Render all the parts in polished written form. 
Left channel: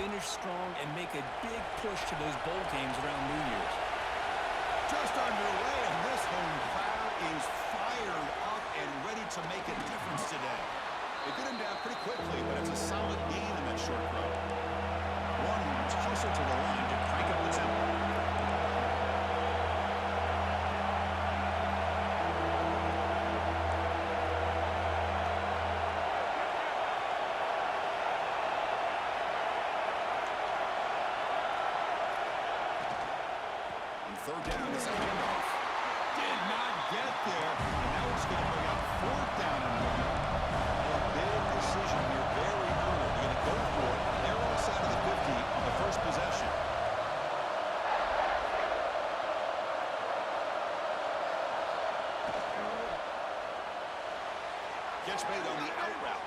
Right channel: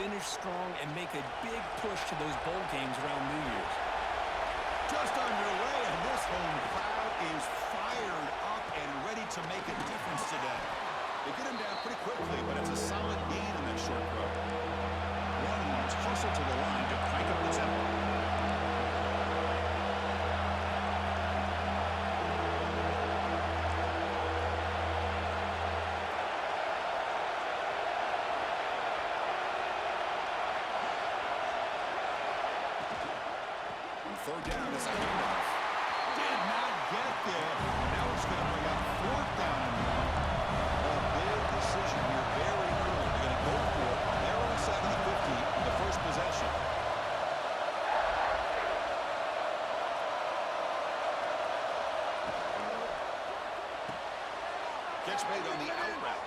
finish strong and make a big push to those bowl games around New Year's. Just underway, and this home crowd is fired up and ready to make a difference today. They get him down pretty quickly, but it's a solid gain in that short throw. Longhorns hustle to the line to crank up the tempo. On third down, it's a handoff. Did not get there, and now it's going to bring up fourth down and 1. A big decision here very early. They're going to go for it on their own side of the 50 on the first possession. Catch made on the out route.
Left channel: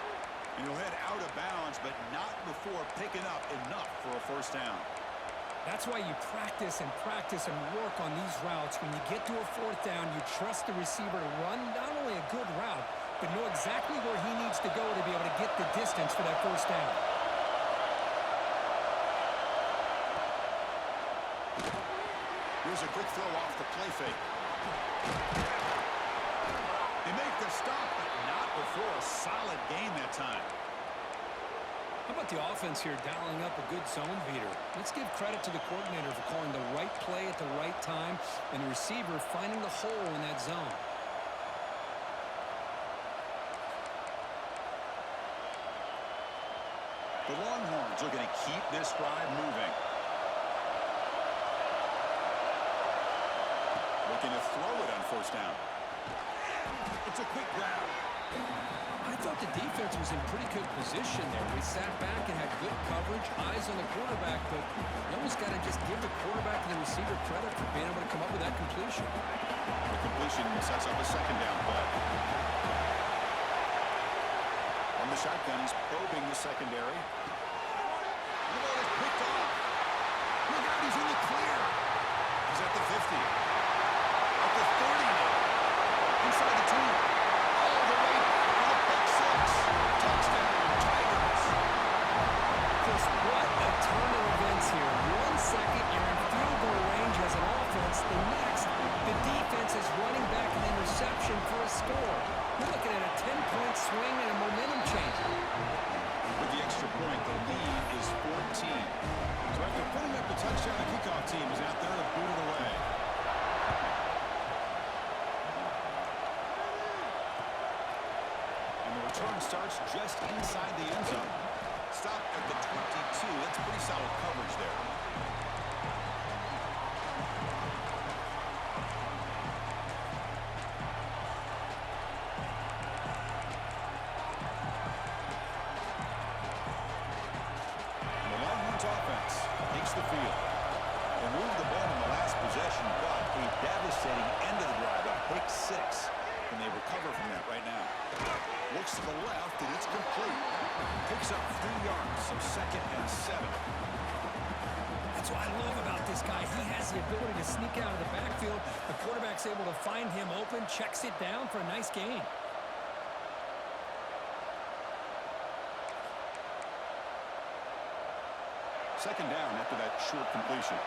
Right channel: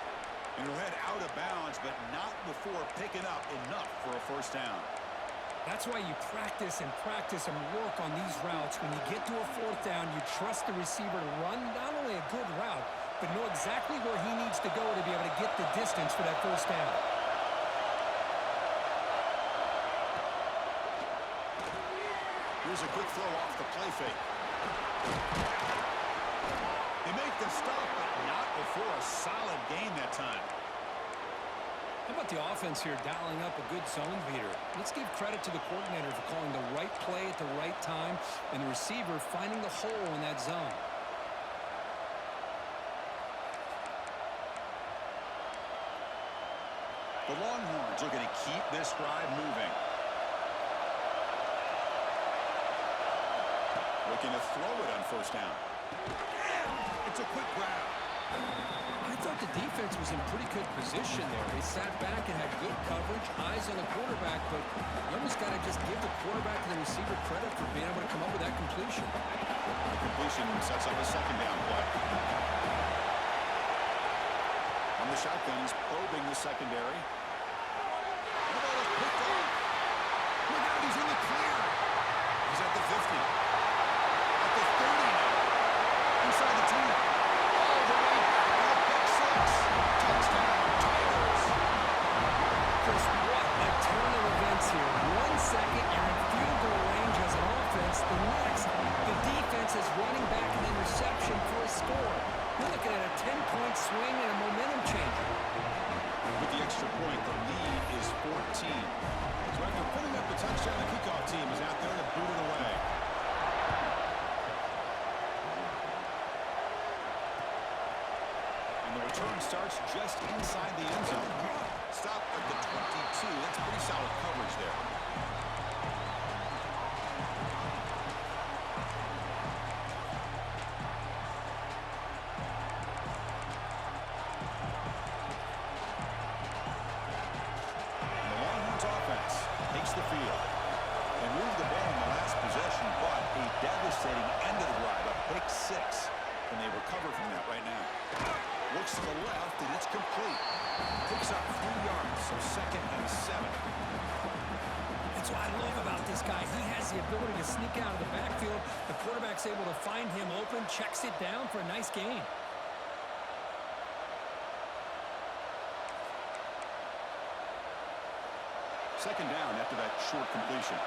And he'll head out of bounds, but not before picking up enough for a first down. That's why you practice and work on these routes. When you get to a fourth down, you trust the receiver to run not only a good route, but know exactly where he needs to go to be able to get the distance for that first down. Here's a quick throw off the play fake. They make the stop, but not before a solid gain that time. How about the offense here dialing up a good zone beater? Let's give credit to the coordinator for calling the right play at the right time and the receiver finding the hole in that zone. The Longhorns looking to keep this drive moving. Looking to throw it on first down. It's a quick grab. I thought the defense was in pretty good position there. They sat back and had good coverage, eyes on the quarterback, but you almost got to just give the quarterback and the receiver credit for being able to come up with that completion. The completion sets up a second down play. From the shotgun, he's probing the secondary. The ball is picked off. Look out, he's in the clear. He's at the 50. At the 30 now. Inside the 2. All the way back for the pick 6. Touchdown, Tigers. Chris, what a turn of events here. 1 second, you're in field goal range as an offense. The next, the defense is running back an interception for a score. We're looking at a 10-point swing and a momentum changer. With the extra point, the lead is 14. So after putting up the touchdown, the kickoff team is out there to boot it away. And the return starts just inside the end zone. Stop at the 22. That's pretty solid coverage there. Offense takes the field and moved the ball in the last possession, but a devastating end of the drive, a pick 6, and they recover from that right now. Looks to the left, and it's complete. Picks up 3 yards, so 2nd and 7. That's what I love about this guy. He has the ability to sneak out of the backfield. The quarterback's able to find him open, checks it down for a nice gain. Second down after that short completion.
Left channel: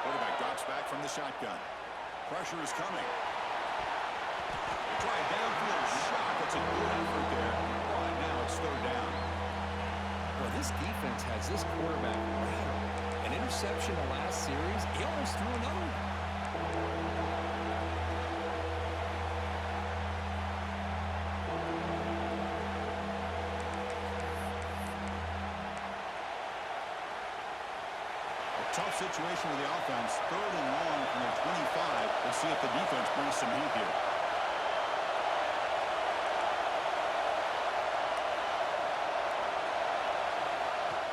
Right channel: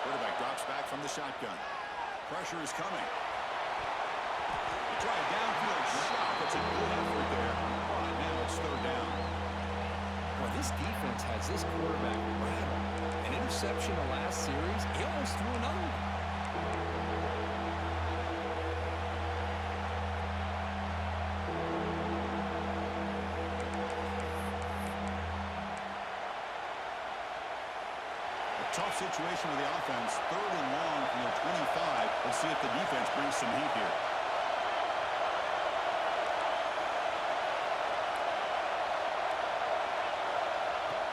Quarterback drops back from the shotgun. Pressure is coming. They try a downfield shot. That's a good effort there, but now it's third down. Well, this defense has this quarterback rattled. An interception the last series. He almost threw another one. Tough situation with the offense. 3rd and long from their 25. Let's see if the defense brings some heat here.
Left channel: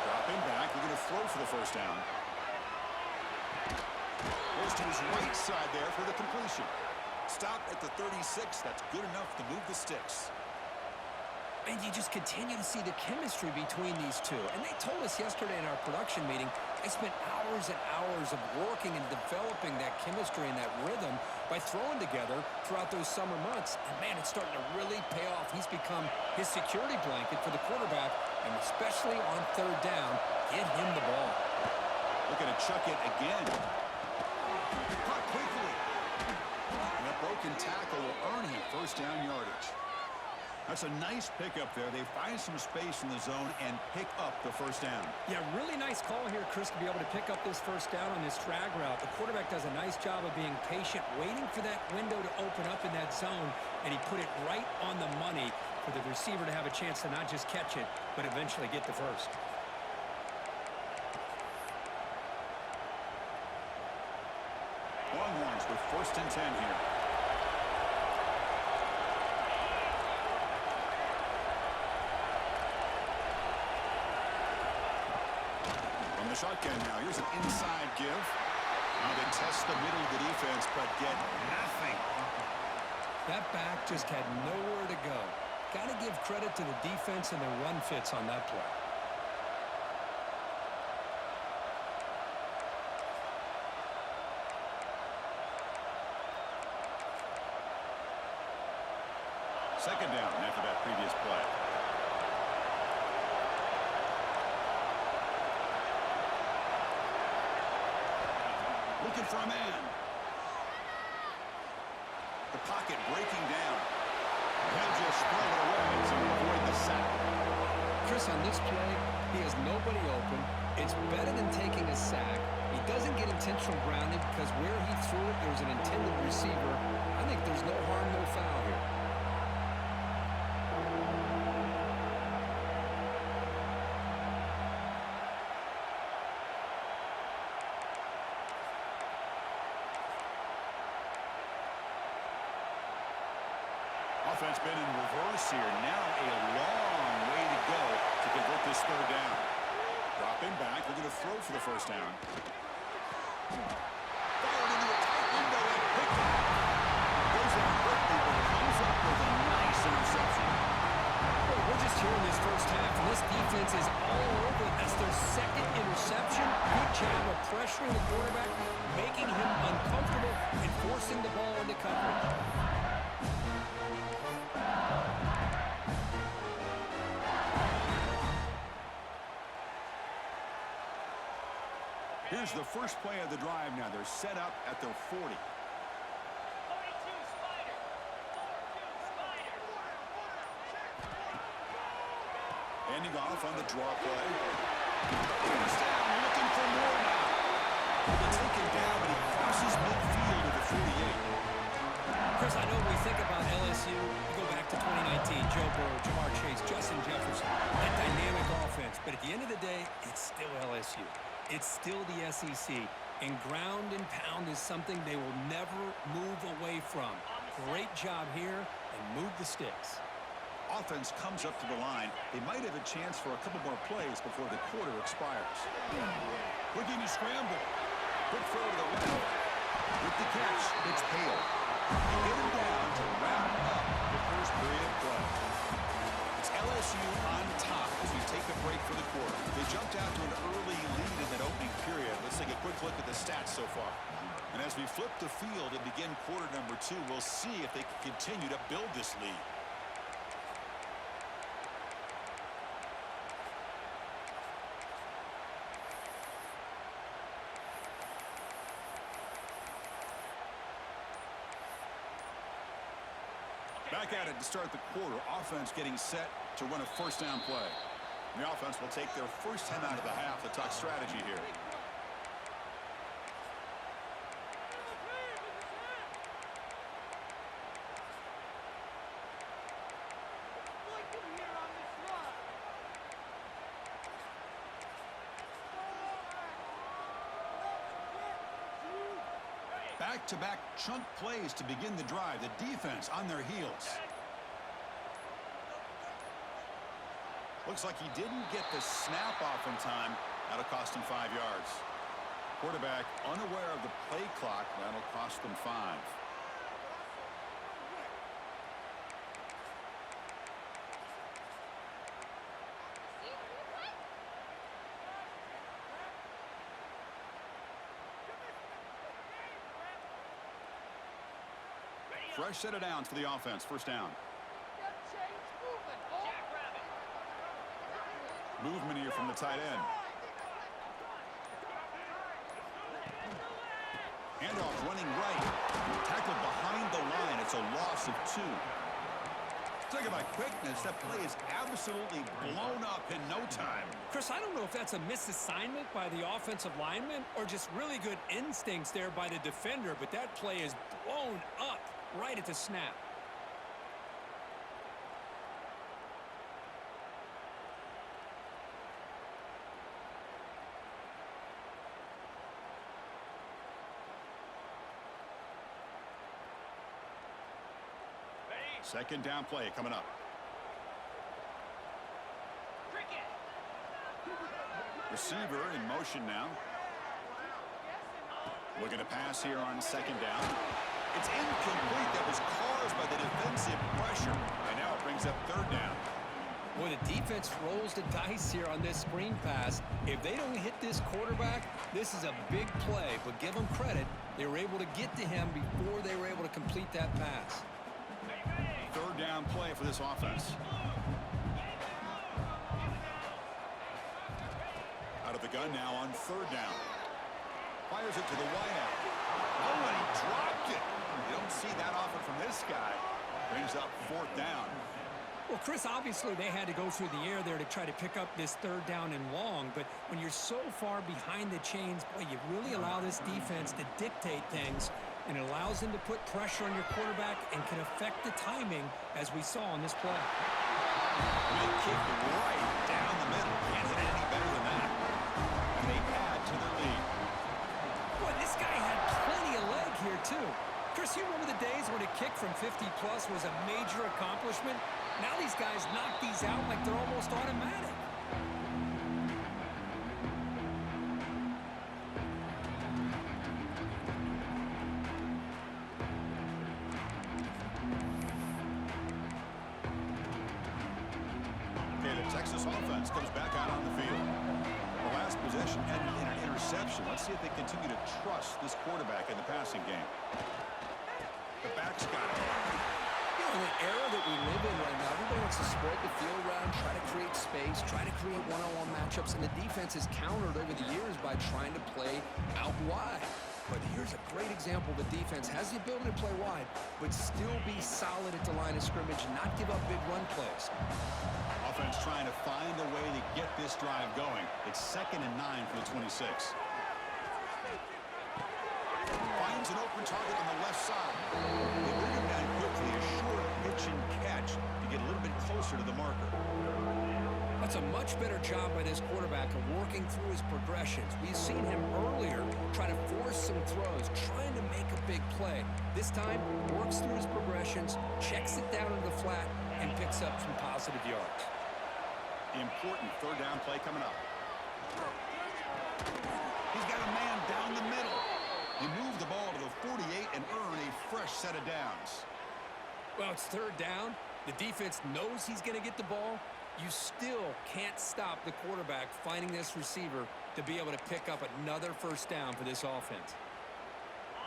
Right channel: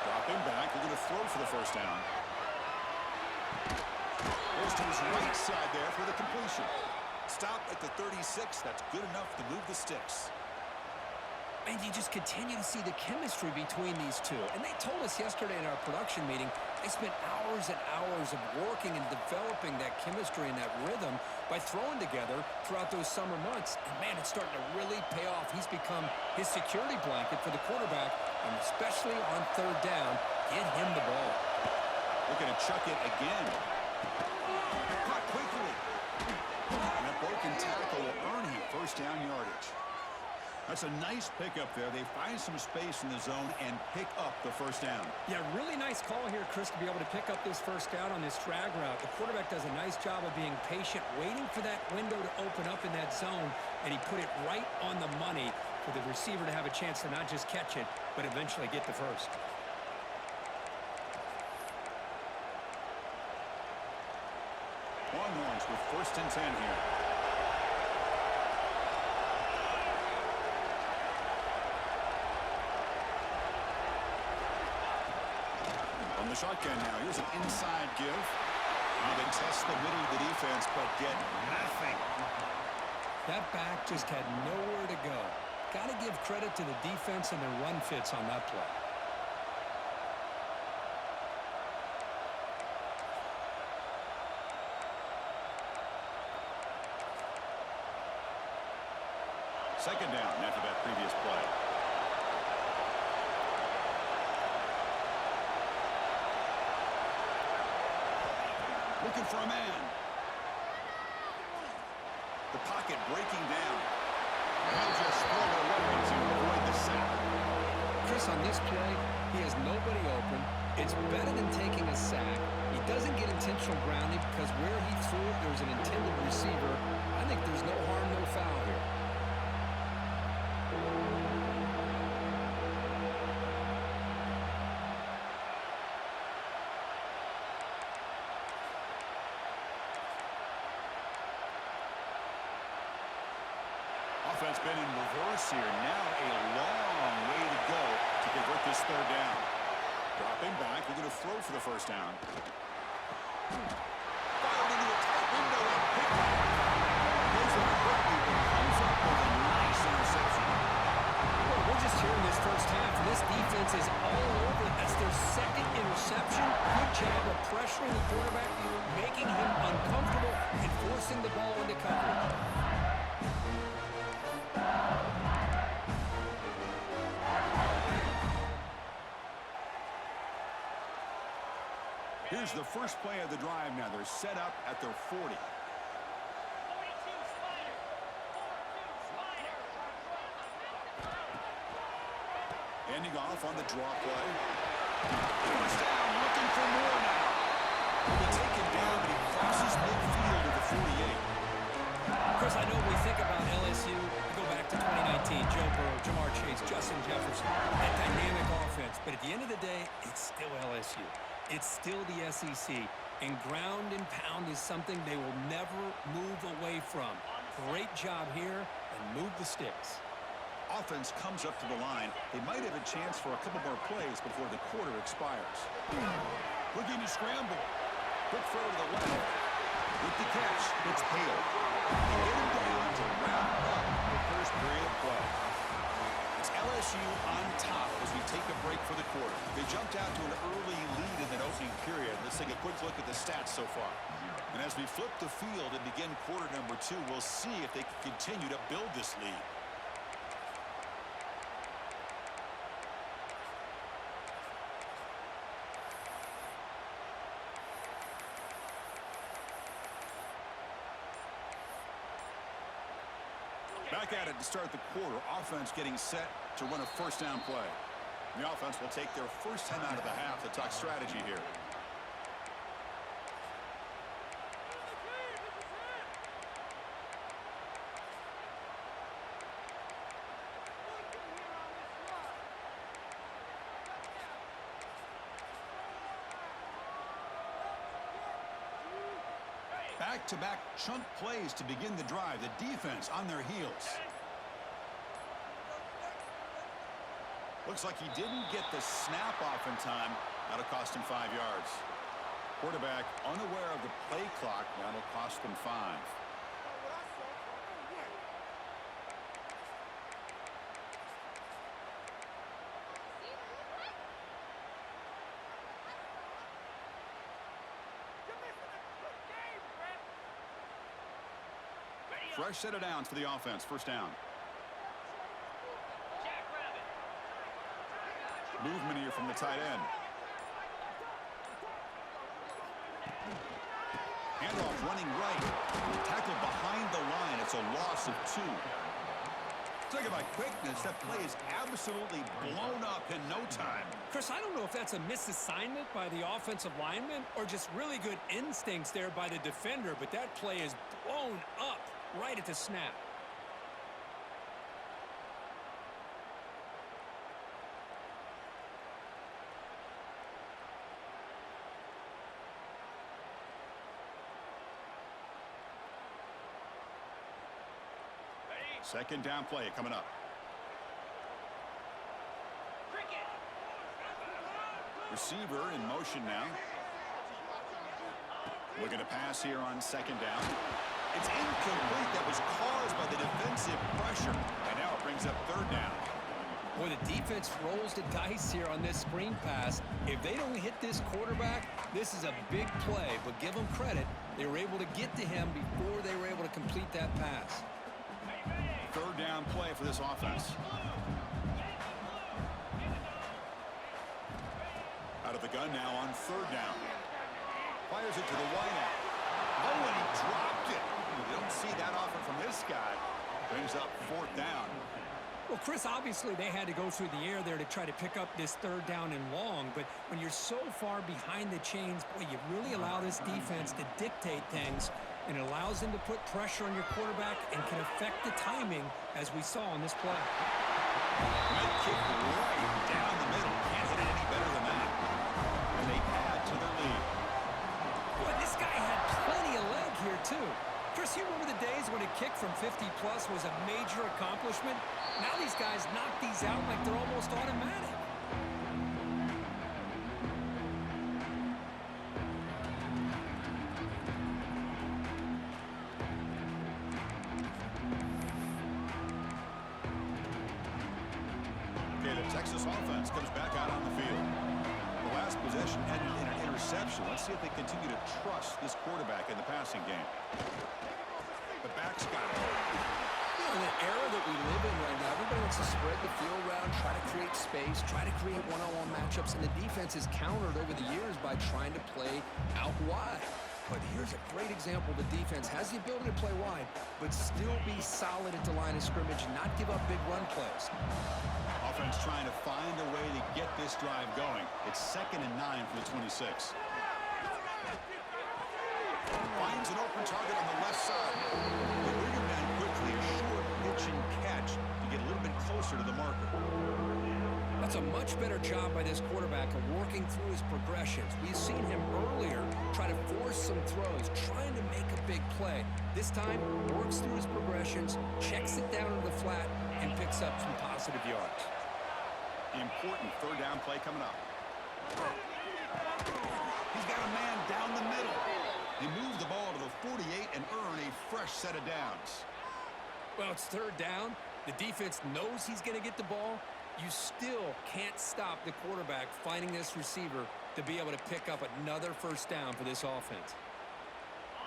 Dropping back. They're going to throw for the first down. Goes to his right side there for the completion. Stop at the 36. That's good enough to move the sticks. And you just continue to see the chemistry between these two. And they told us yesterday in our production meeting, they spent hours and hours of working and developing that chemistry and that rhythm by throwing together throughout those summer months. And, man, it's starting to really pay off. He's become his security blanket for the quarterback, and especially on third down, get him the ball. Looking to chuck it again. Caught quickly. And that broken tackle will earn him first down yardage. That's a nice pickup there. They find some space in the zone and pick up the first down. Yeah, really nice call here, Chris, to be able to pick up this first down on this drag route. The quarterback does a nice job of being patient, waiting for that window to open up in that zone, and he put it right on the money for the receiver to have a chance to not just catch it, but eventually get the first. Longhorns with 1st and 10 here. From the shotgun now, here's an inside give. They test the middle of the defense, but get nothing. That back just had nowhere to go. Got to give credit to the defense and their run fits on that play. Second down after that previous play. Looking for a man. The pocket breaking down. He'll just throw it away to avoid the sack. Chris, on this play, he has nobody open. It's better than taking a sack. He doesn't get intentional grounding because where he threw it, there was an intended receiver. I think there's no harm, no foul here. Offense been in reverse here. Now a long way to go to convert this third down. Dropping back. They're going to throw for the first down. Fired into a tight window and picked up. Goes out quickly, but comes up with a nice interception. Well, we're just here in this first half, and this defense is all over it. That's their second interception. Good job of pressuring the quarterback, making him uncomfortable, and forcing the ball into coverage. Here's the first play of the drive now. They're set up at their 40. 42 Spider. 4-2 Spider. Ending off on the draw play. First down, looking for more now. Will be taken down, but he crosses midfield at the 48. Chris, I know when we think about LSU, we go back to 2019, Joe Burrow, Jamar Chase, Justin Jefferson, that dynamic offense. But at the end of the day, it's still LSU. It's still the SEC, and ground and pound is something they will never move away from. Great job here, and move the sticks. Offense comes up to the line. They might have a chance for a couple more plays before the quarter expires. Looking to scramble. Quick throw to the left. With the catch, it's Hale. They get him down to wrap up the first period play. It's LSU on top as we take a break for the quarter. They jumped out to an early lead in that opening period. Let's take a quick look at the stats so far. And as we flip the field and begin quarter number 2, we'll see if they can continue to build this lead. Back at it to start the quarter. Offense getting set to run a first down play. And the offense will take their first time out of the half to talk strategy here. Back-to-back chunk plays to begin the drive. The defense on their heels. Looks like he didn't get the snap off in time. That'll cost him 5 yards. Quarterback unaware of the play clock. That'll cost them 5. Fresh set of downs for the offense. First down. Jackrabbit. Movement here from the tight end. Handoff running right. Tackled behind the line. It's a loss of 2. Talk about quickness. That play is absolutely blown up in no time. Chris, I don't know if that's a misassignment by the offensive lineman or just really good instincts there by the defender, but that play is blown up right at the snap. Second down play coming up. Cricket. Receiver in motion now. Looking to pass here on second down. It's incomplete. That was caused by the defensive pressure. And now it brings up third down. Boy, the defense rolls the dice here on this screen pass. If they don't hit this quarterback, this is a big play. But give them credit. They were able to get to him before they were able to complete that pass. Third down play for this offense. Out of the gun now on third down. Fires it to the wideout. Oh, and he dropped it. You don't see that often from this guy. Brings up fourth down. Well, Chris, obviously they had to go through the air there to try to pick up this third down and long, but when you're so far behind the chains, boy, you really allow this defense to dictate things, and it allows them to put pressure on your quarterback and can affect the timing, as we saw on this play. Mid kick right down the middle. Can't hit it any better than that. And they add to their lead. Boy, this guy had plenty of leg here, too. Chris, you remember the days when a kick from 50-plus was a major accomplishment? Now these guys knock these out like they're almost automatic. Okay, the Texas offense comes back out on the field. The last possession ended in an interception. Let's see if they continue to trust this quarterback in the passing game. The back's got it. You know, in the era that we live in right now, everybody wants to spread the field around, try to create space, try to create one-on-one matchups, and the defense has countered over the years by trying to play out wide. But here's a great example. The defense has the ability to play wide, but still be solid at the line of scrimmage and not give up big run plays. Offense trying to find a way to get this drive going. It's 2nd and 9 for the 26. Finds an open target on the left side. They bring him down quickly. A short pitch and catch to get a little bit closer to the marker. That's a much better job by this quarterback of working through his progressions. We've seen him earlier try to force some throws, trying to make a big play. This time, works through his progressions, checks it down into the flat, and picks up some positive yards. Important third down play coming up. He's got a man down the middle. They move the ball to the 48 and earn a fresh set of downs. Well, it's third down. The defense knows he's going to get the ball. You still can't stop the quarterback finding this receiver to be able to pick up another first down for this offense.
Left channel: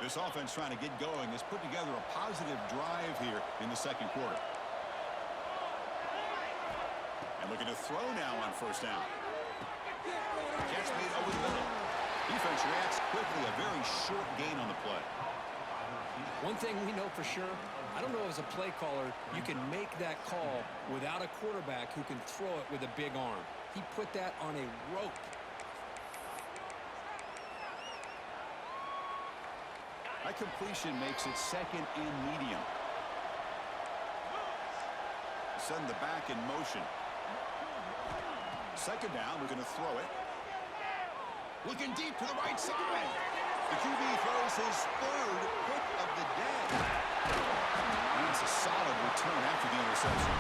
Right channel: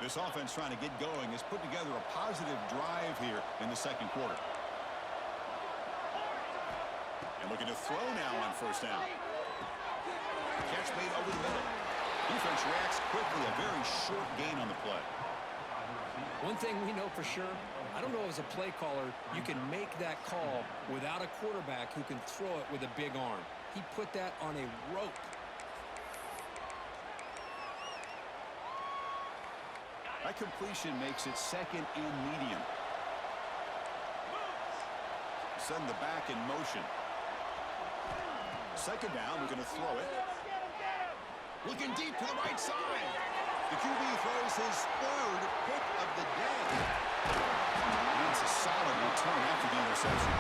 This offense trying to get going has put together a positive drive here in the second quarter. And looking to throw now on first down. Catch made over the middle. Defense reacts quickly. A very short gain on the play. One thing we know for sure, I don't know as a play caller, you can make that call without a quarterback who can throw it with a big arm. He put that on a rope. That completion makes it 2nd and medium. Send the back in motion. 2nd down, we're going to throw it. Looking deep to the right side. The QB throws his 3rd pick of the day. And it's a solid return after the interception.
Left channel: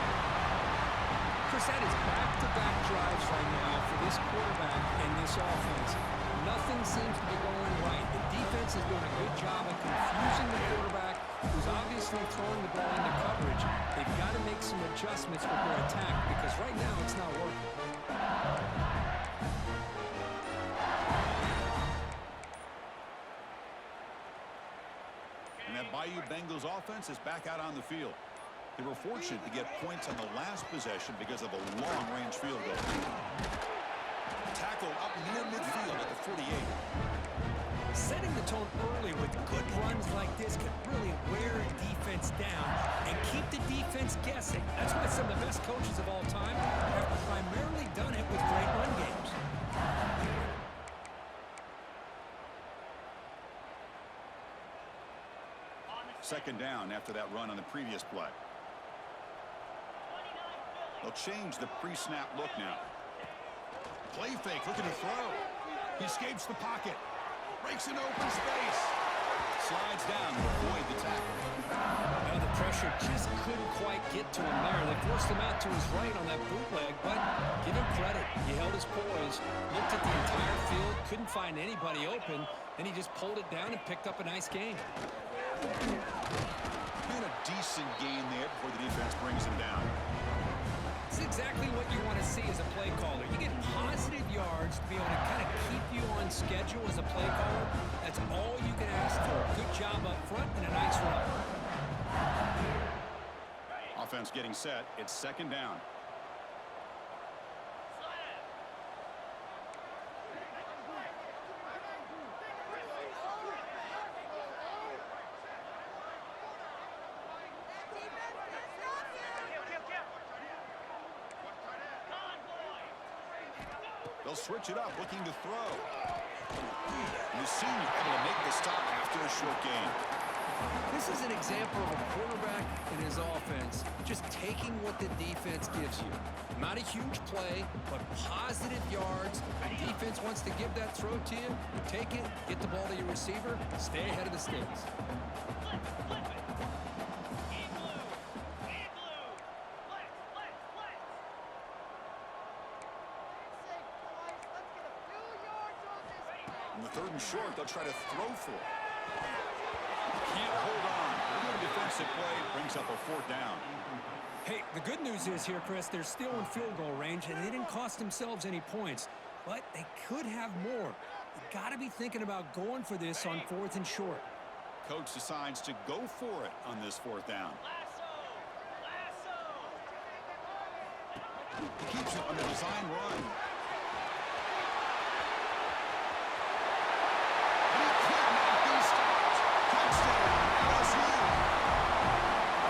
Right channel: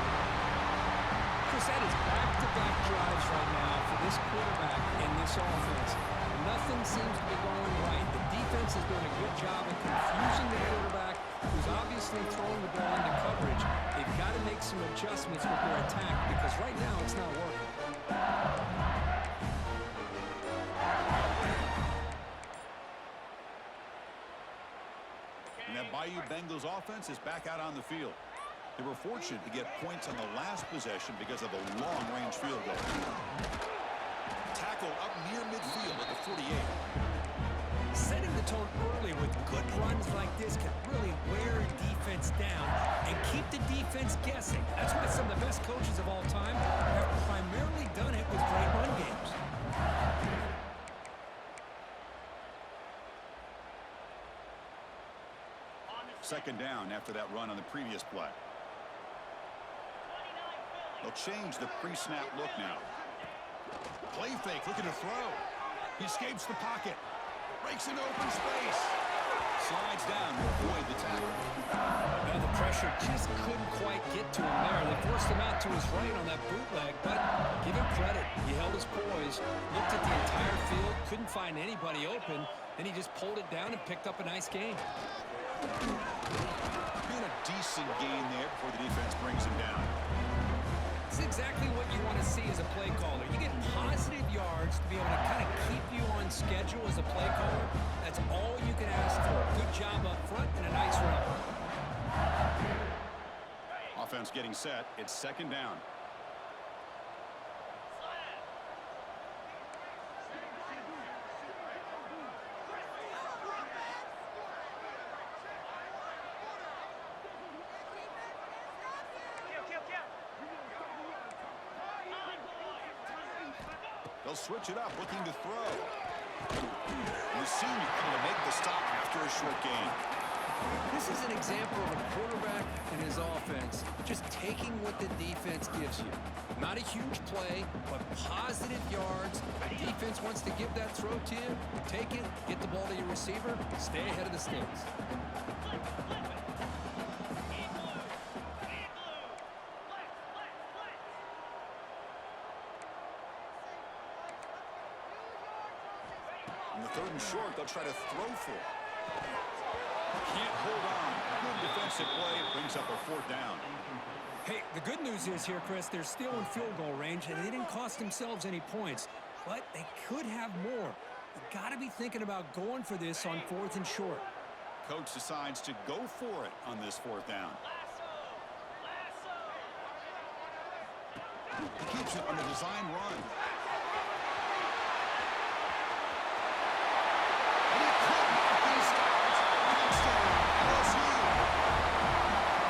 Chris, that is back-to-back drives right now for this quarterback and this offense. Nothing seems to be going right. The defense is doing a good job of confusing the quarterback, who's obviously throwing the ball into coverage. They've got to make some adjustments with their attack because right now it's not working. And that BYU Bengals offense is back out on the field. They were fortunate to get points on the last possession because of a long-range field goal. Tackled up near midfield at the 48. Setting the tone early with good runs like this can really wear a defense down and keep the defense guessing. That's why some of the best coaches of all time have primarily done it with great run games. Second down after that run on the previous play. They'll change the pre-snap look now. Play fake, looking to throw. He escapes the pocket. Breaks an open space. Slides down to avoid the tackle. Now the pressure just couldn't quite get to him there. They forced him out to his right on that bootleg, but give him credit. He held his poise, looked at the entire field, couldn't find anybody open, then he just pulled it down and picked up a nice gain. Been a decent gain there before the defense brings him down. This is exactly what you want to see as a play caller. You get positive yards to be able to kind of keep you on schedule as a play caller. That's all you can ask for. Good job up front and a nice run. Offense getting set. It's second down. They'll switch it up, looking to throw. And the senior able to make the stop after a short gain. This is an example of a quarterback and his offense just taking what the defense gives you. Not a huge play, but positive yards. The defense wants to give that throw to you. You take it, get the ball to your receiver, stay ahead of the sticks. On the third and short, they'll try to throw for it. Can't hold on. Good defensive play brings up a fourth down. Hey, the good news is here, Chris, they're still in field goal range, and they didn't cost themselves any points, but they could have more. You got to be thinking about going for this on fourth and short. Coach decides to go for it on this fourth down. He keeps it on the design run. He could not be stopped. Touchdown, LSU.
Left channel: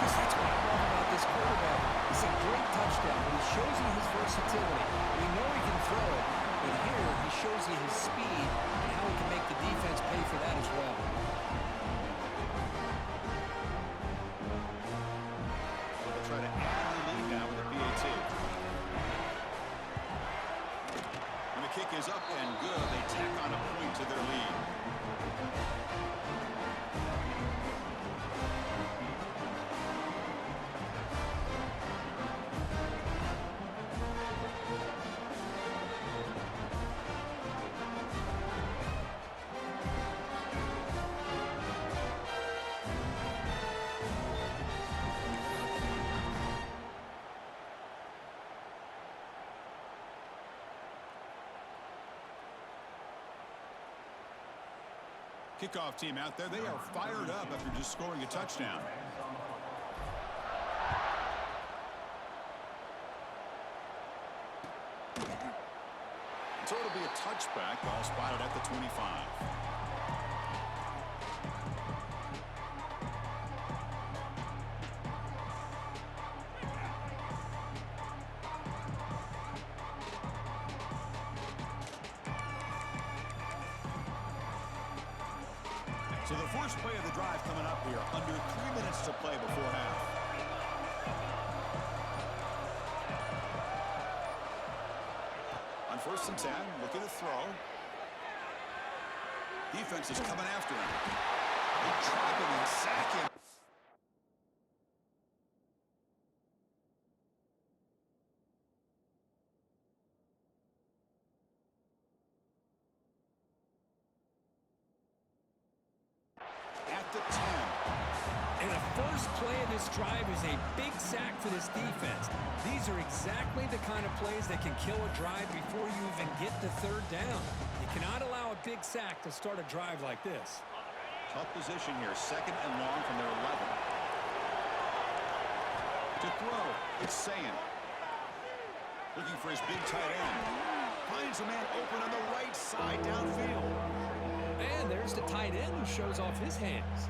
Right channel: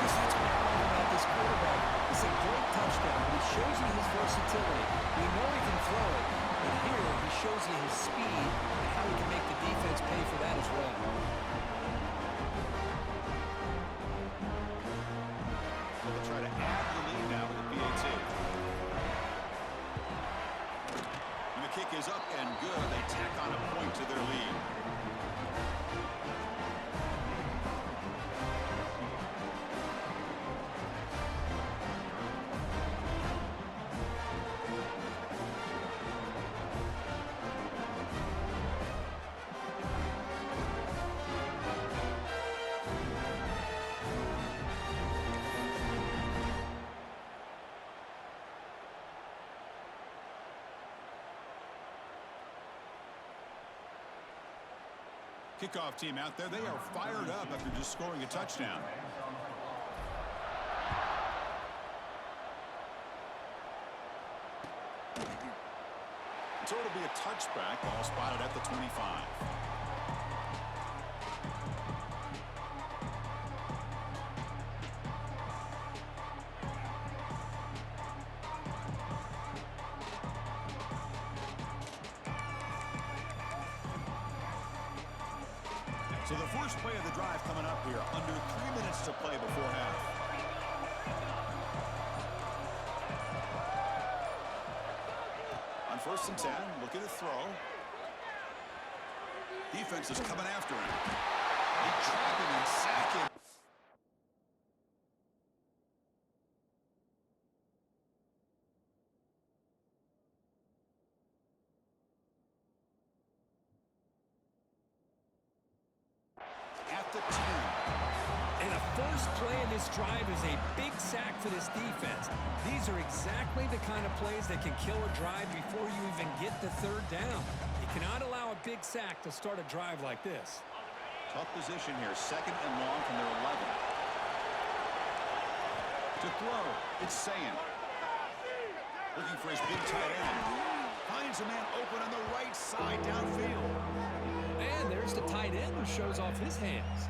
Because that's what I love about this quarterback. It's a great touchdown, but he shows you his versatility. We know he can throw it, but here he shows you his speed and how he can make the defense pay for that as well. So they'll try to add to the lead now with the PAT. And the kick is up and good. They tack on a point to their lead. Kickoff team out there. They are fired up after just scoring a touchdown. So it'll be a touchback. Ball spotted at the 25. So the first play of the drive coming up here. Under 3 minutes to play before half. On 1st and 10, look at the throw. Defense is coming after him. They trap him and sack him. At the 10. And a first play of this drive is a big sack for this defense. These are exactly the kind of plays that can kill a drive before you even get the third down. You cannot allow a big sack to start a drive like this. Tough position here. 2nd and long from their 11. To throw, it's Sayan. Looking for his big tight end. Finds a man open on the right side downfield. And there's the tight end who shows off his hands.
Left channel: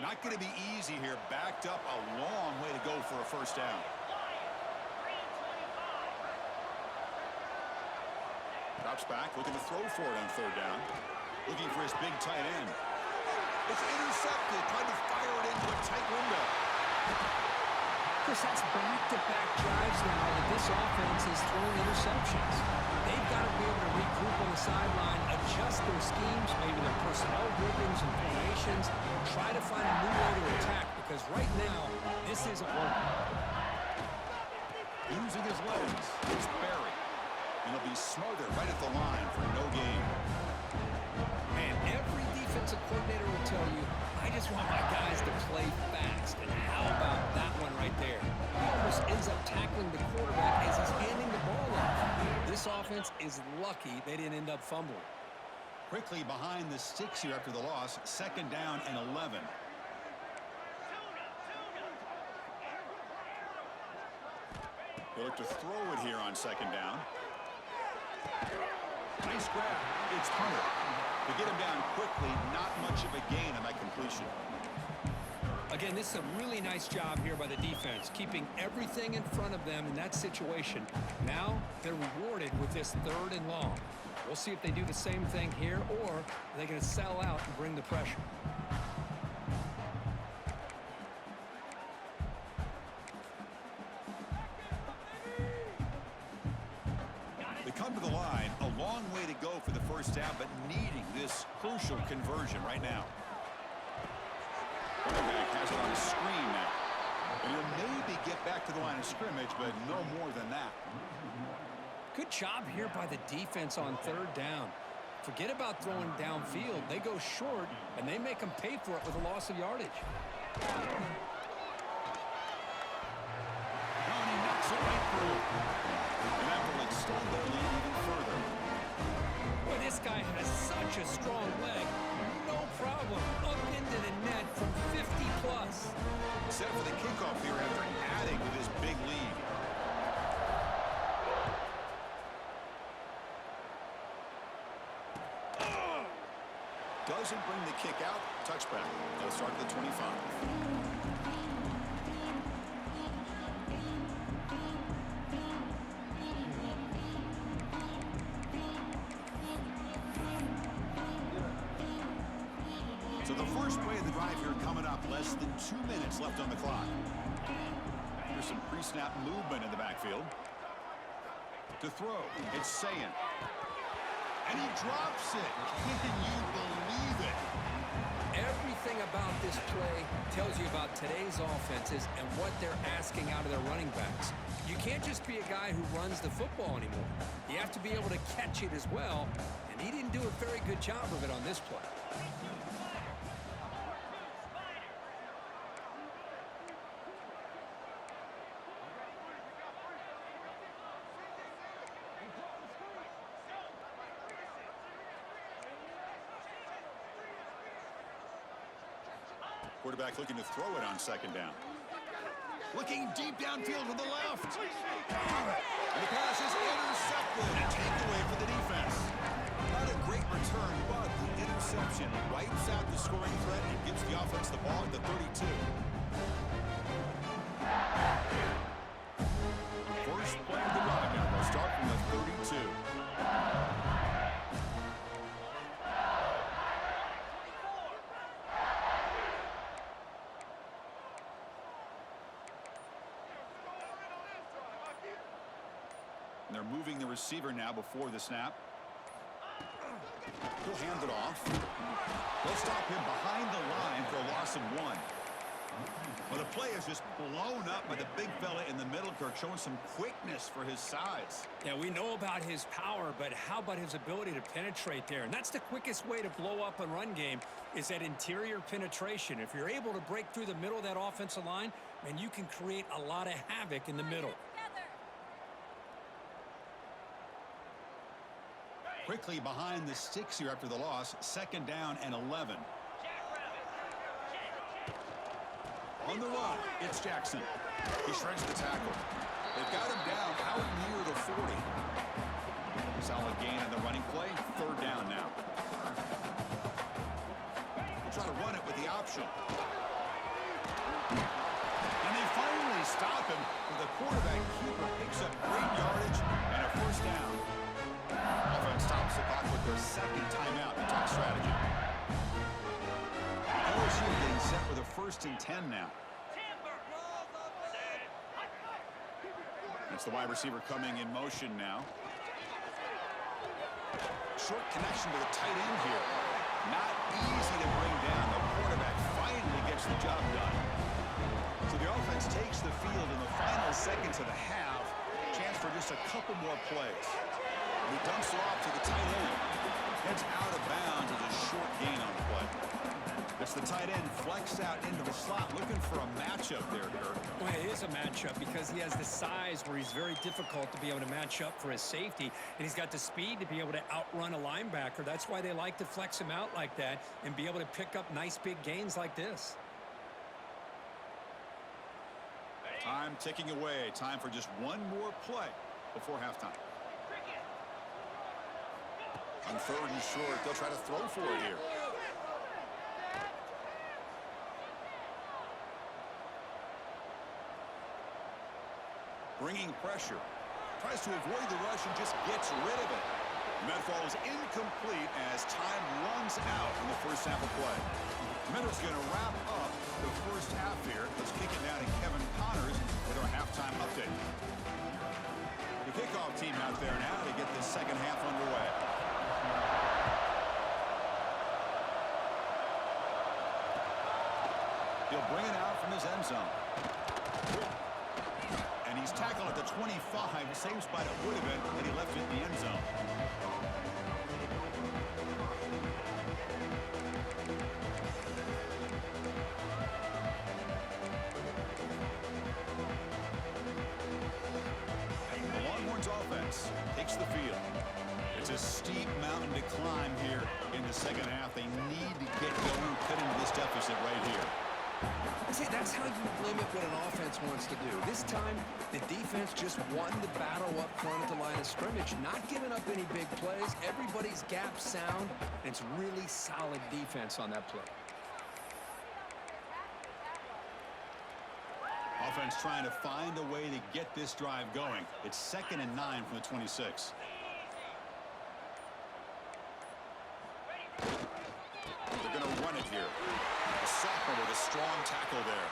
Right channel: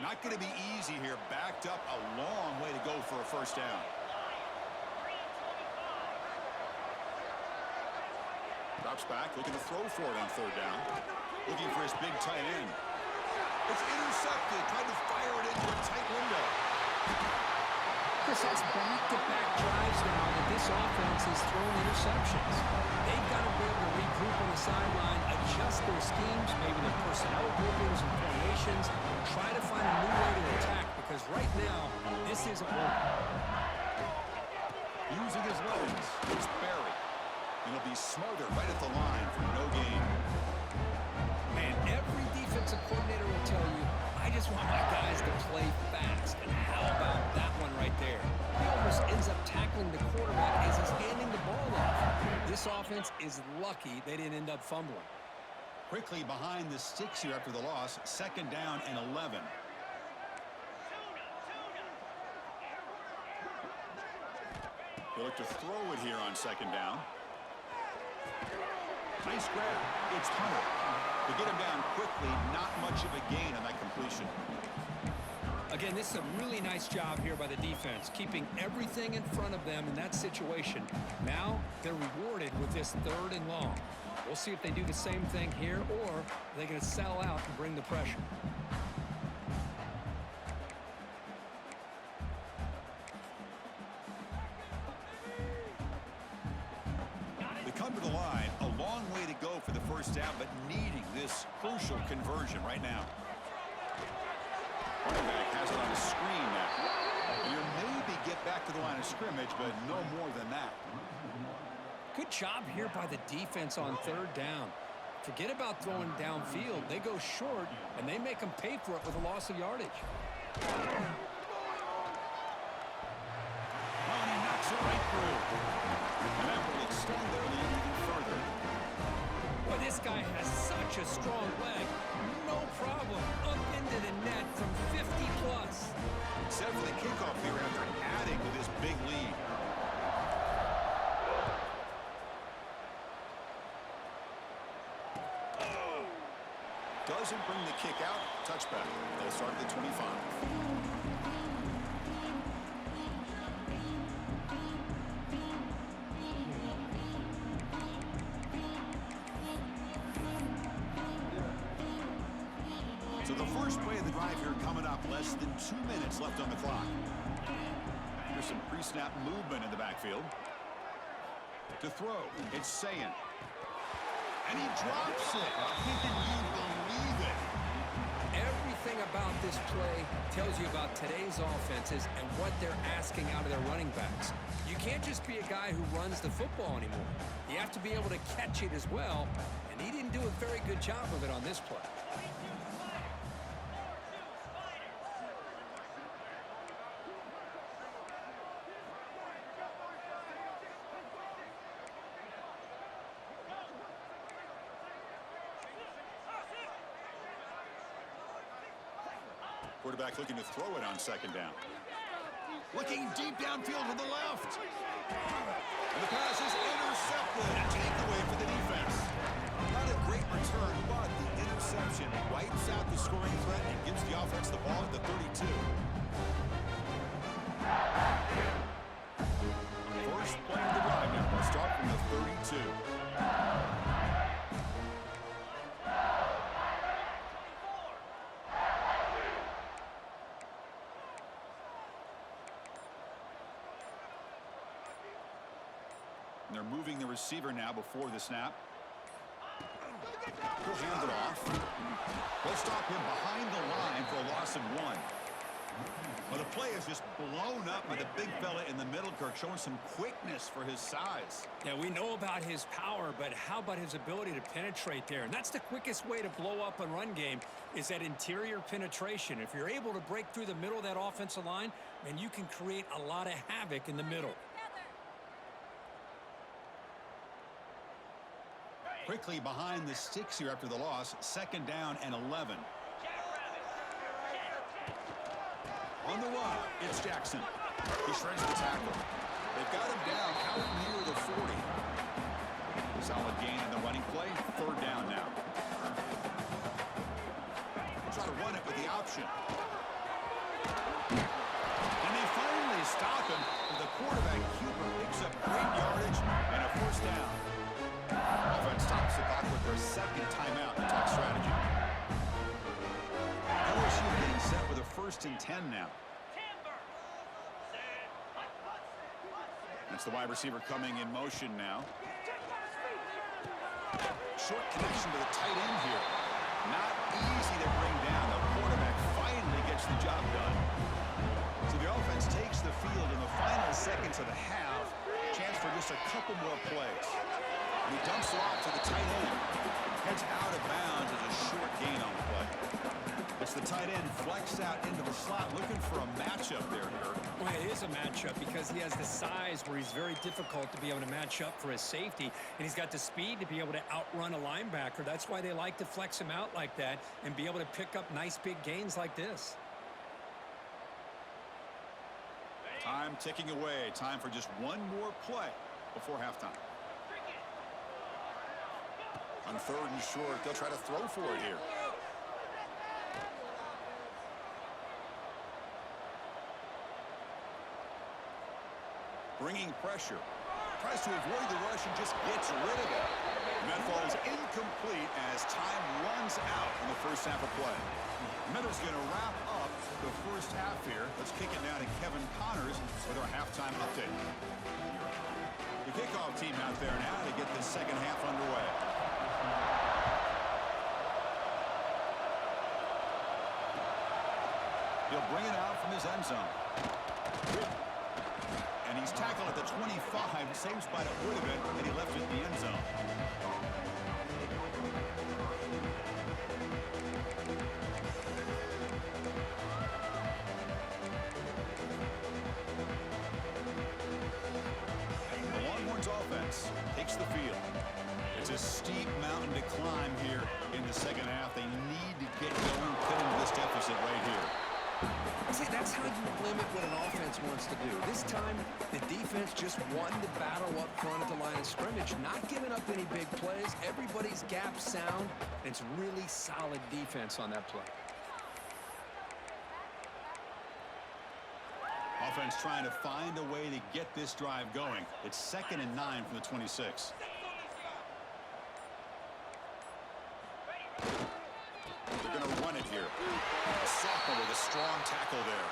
Not going to be easy here. Backed up a long way to go for a first down. Drops back, looking to throw for it on 3rd down. Looking for his big tight end. It's intercepted. Trying to fire it into a tight window. Chris, that's back-to-back drives now that this offense has thrown interceptions. They've got to be able to regroup on the sideline, adjust their schemes, maybe their personnel groupings and formations, try to find a new way to attack, because right now, this isn't working. Using his legs, it's Barry. And he'll be smothered right at the line for no gain. Man, every defensive coordinator will tell you, I just want my guys to play fast. And how about that one right there? He almost ends up tackling the quarterback as he's handing the ball off. This offense is lucky they didn't end up fumbling. Quickly behind the sticks here after the loss. 2nd down and 11. He'll look to throw it here on 2nd down. Nice grab. It's Hunter. To get him down quickly, not much of a gain on that completion. Again, this is a really nice job here by the defense, keeping everything in front of them in that situation. Now they're rewarded with this 3rd and long. We'll see if they do the same thing here, or are they going to sell out and bring the pressure. They come to the line, a long way to go for the first down, but needing this crucial conversion right now. Running back has it on a screen now. And he'll maybe get back to the line of scrimmage, but no more than that. Good job here by the defense on 3rd down. Forget about throwing downfield. They go short, and they make them pay for it with a loss of yardage. Oh, and he knocks it right through. And that will extend their lead even further. Boy, this guy has such a strong leg. No problem. Up into the net from 50+. Set for the kickoff here after adding with his big lead. Doesn't bring the kick out. Touchback. They'll start at the 25. So the first play of the drive here coming up. Less than 2 minutes left on the clock. There's some pre-snap movement in the backfield. To throw, it's Sayan. And he drops it. Can you believe it? Everything about this play tells you about today's offenses and what they're asking out of their running backs. You can't just be a guy who runs the football anymore. You have to be able to catch it as well, and he didn't do a very good job of it on this play. Quarterback looking to throw it on 2nd down. Looking deep downfield to the left. And the pass is intercepted. A takeaway for the defense. Not a great return, but the interception wipes out the scoring threat and gives the offense the ball at the 32. First play of the drive now. They'll start from the 32. And they're moving the receiver now before the snap. He'll hand it off. They'll stop him behind the line for a loss of 1. Well, the play is just blown up by the big fella in the middle, Kirk, showing some quickness for his size. Yeah, we know about his power, but how about his ability to penetrate there? And that's the quickest way to blow up a run game is that interior penetration. If you're able to break through the middle of that offensive line, man, you can create a lot of havoc in the middle. Quickly behind the sticks here after the loss, 2nd down and 11. On the run, it's Jackson. He shreds the tackle. They've got him down out near the 40. Solid gain on the running play. 3rd down now. We'll try to run it with the option. And they finally stop him with the quarterback. Cooper picks up great yardage and a 1st down. Offense stops the clock with their 2nd timeout in talk strategy. LSU getting set with a 1st and 10 now. That's the wide receiver coming in motion now. Short connection to the tight end here. Not easy to bring down. The quarterback finally gets the job done. So the offense takes the field in the final seconds of the half. Chance for just a couple more plays. And he dumps it off to the tight end. Heads out of bounds as a short gain on the play. It's the tight end flexed out into the slot, looking for a matchup there, Kirk. Well, it is a matchup because he has the size where he's very difficult to be able to match up for his safety, and he's got the speed to be able to outrun a linebacker. That's why they like to flex him out like that and be able to pick up nice big gains like this. Time ticking away. Time for just one more play before halftime. On 3rd and short, they'll try to throw for it here. Bringing pressure. Tries to avoid the rush and just gets rid of it. And that falls incomplete as time runs out in the 1st half of play. Meadow's going to wrap up the 1st half here. Let's kick it down to Kevin Connors with our halftime update. The kickoff team out there now to get this 2nd half underway. He'll bring it out from his end zone. And he's tackled at the 25. Same spot it would have been had he left it in the end zone. The Longhorns offense takes the field. It's a steep mountain to climb here in the 2nd half. They need to get going, cut into this deficit right here. See, that's how you limit what an offense wants to do. This time, the defense just won the battle up front at the line of scrimmage, not giving up any big plays. Everybody's gap sound. It's really solid defense on that play. Offense trying to find a way to get this drive going. It's 2nd and 9 from the 26. They're going to run it here. A sophomore with a strong tackle there.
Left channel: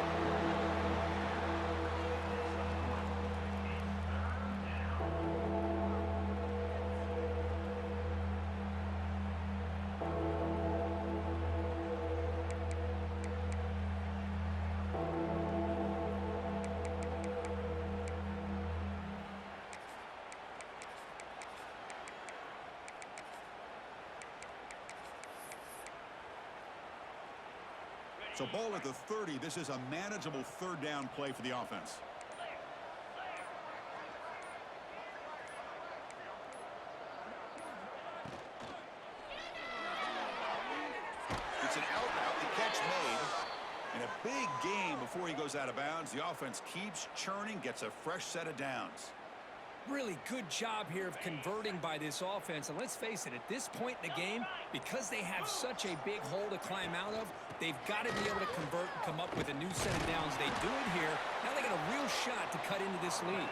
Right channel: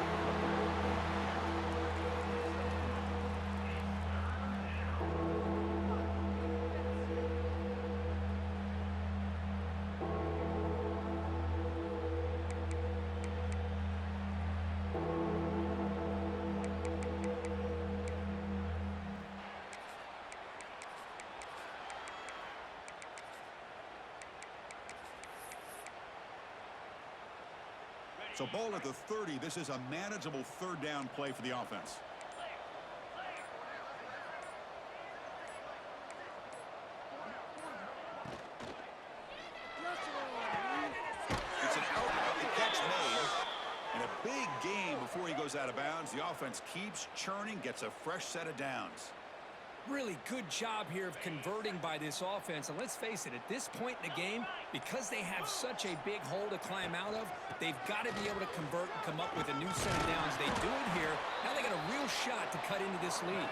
So ball at the 30. This is a manageable 3rd down play for the offense. It's an out route, the catch made. And a big gain before he goes out of bounds. The offense keeps churning, gets a fresh set of downs. Really good job here of converting by this offense. And let's face it, at this point in the game, because they have such a big hole to climb out of, they've got to be able to convert and come up with a new set of downs. They do it here. Now they got a real shot to cut into this lead.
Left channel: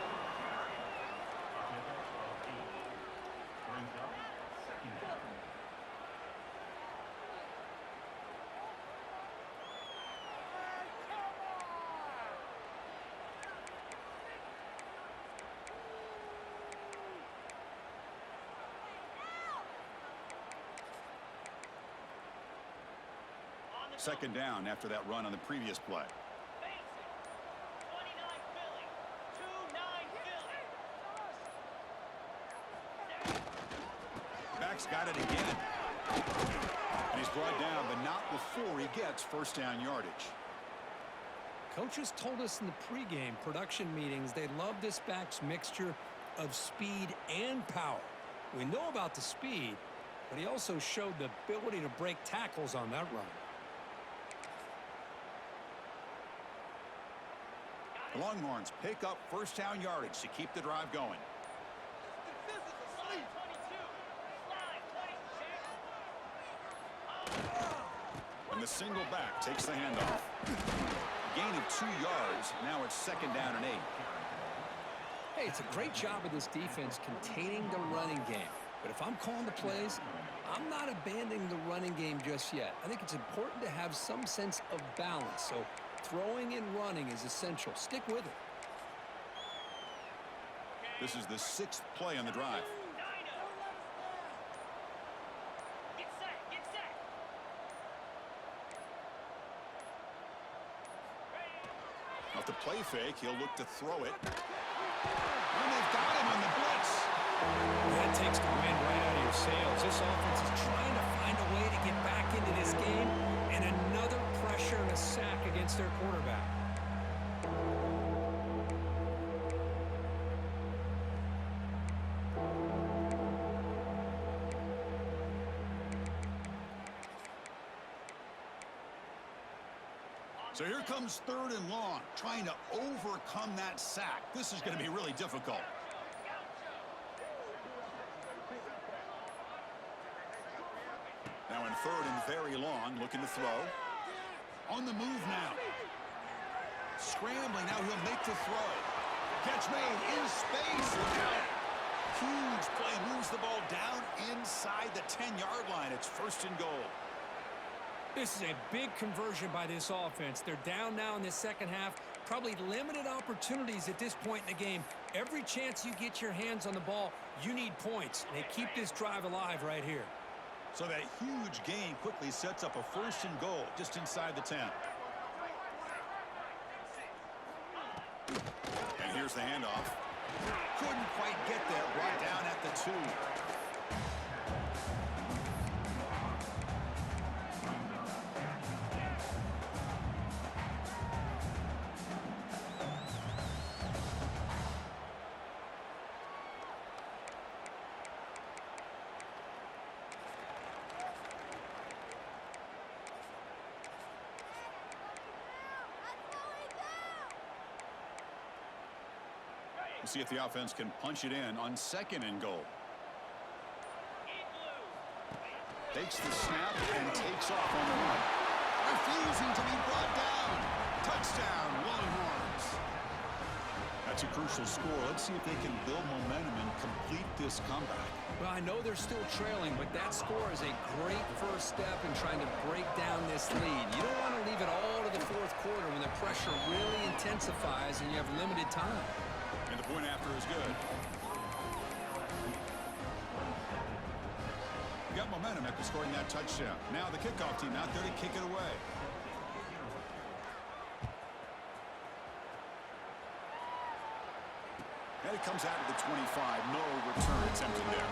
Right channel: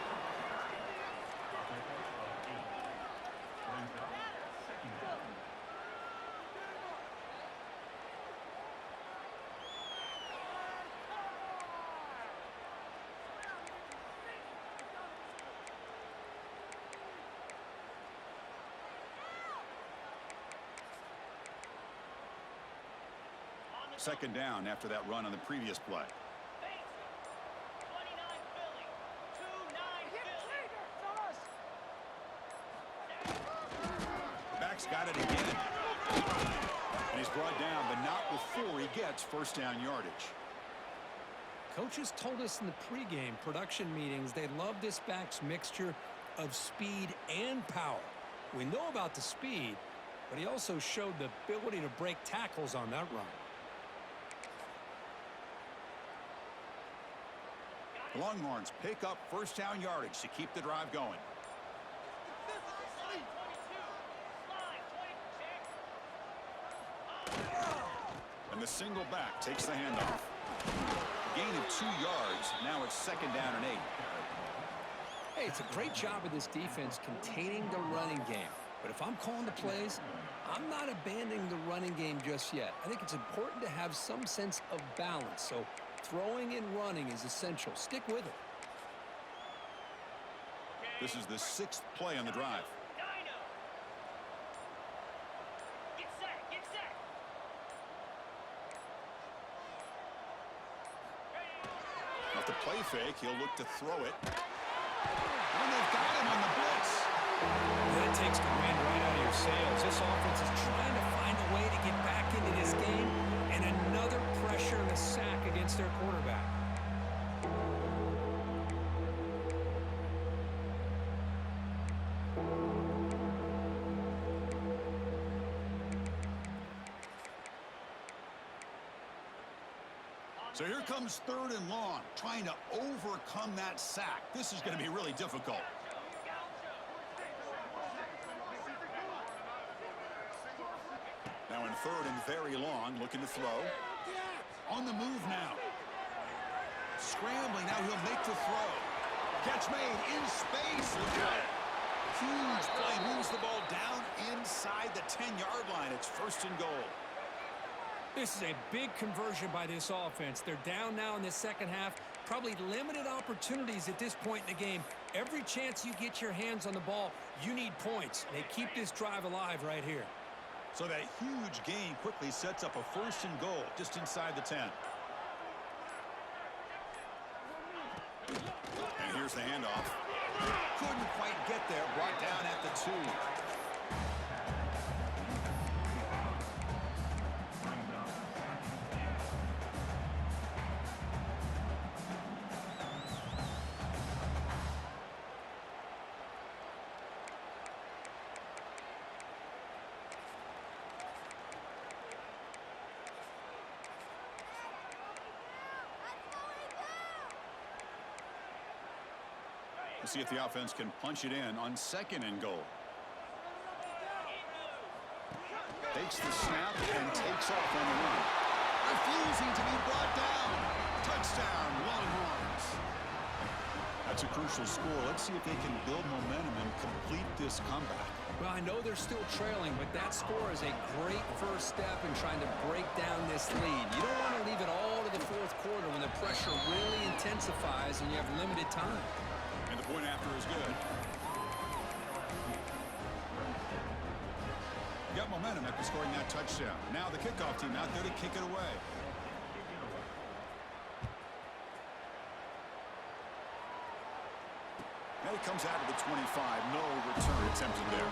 Second down after that run on the previous play. quarterback's got it again. And he's brought down, but not before he gets first down yardage. Coaches told us in the pregame production meetings they love this back's mixture of speed and power. We know about the speed, but he also showed the ability to break tackles on that run. The Longhorns pick up first down yardage to keep the drive going. And the single back takes the handoff. Gain of 2 yards. Now it's second down and 8. Hey, it's a great job of this defense containing the running game. But if I'm calling the plays, I'm not abandoning the running game just yet. I think it's important to have some sense of balance. So throwing and running is essential. Stick with it. This is the 6th play on the drive. Off the play fake, he'll look to throw it. And they've got him on the blitz. That takes the wind right out of your sails. This offense is trying to find a way to get back into this game, and another pressure and a sack against their quarterback. So here comes 3rd and long, trying to overcome that sack. This is going to be really difficult. Now in 3rd and very long, looking to throw. On the move now. Scrambling, now he'll make the throw. Catch made in space. Look out. Huge play, moves the ball down inside the 10-yard line. It's 1st and goal. This is a big conversion by this offense. They're down now in the second half. Probably limited opportunities at this point in the game. Every chance you get your hands on the ball, you need points. They keep this drive alive right here. So that huge gain quickly sets up a 1st and goal just inside the 10. And here's the handoff. Couldn't quite get there. Brought down at the 2. We'll see if the offense can punch it in on 2nd and goal. Takes the snap and takes off on the run. Refusing to be brought down. Touchdown, Longhorns. That's a crucial score. Let's see if they can build momentum and complete this comeback. Well, I know they're still trailing, but that score is a great first step in trying to break down this lead. You don't want to leave it all to the 4th quarter when the pressure really intensifies and you have limited time. And the point after is good. Got momentum after scoring that touchdown. Now the kickoff team out there to kick it away. And it comes out of the 25. No return attempted there.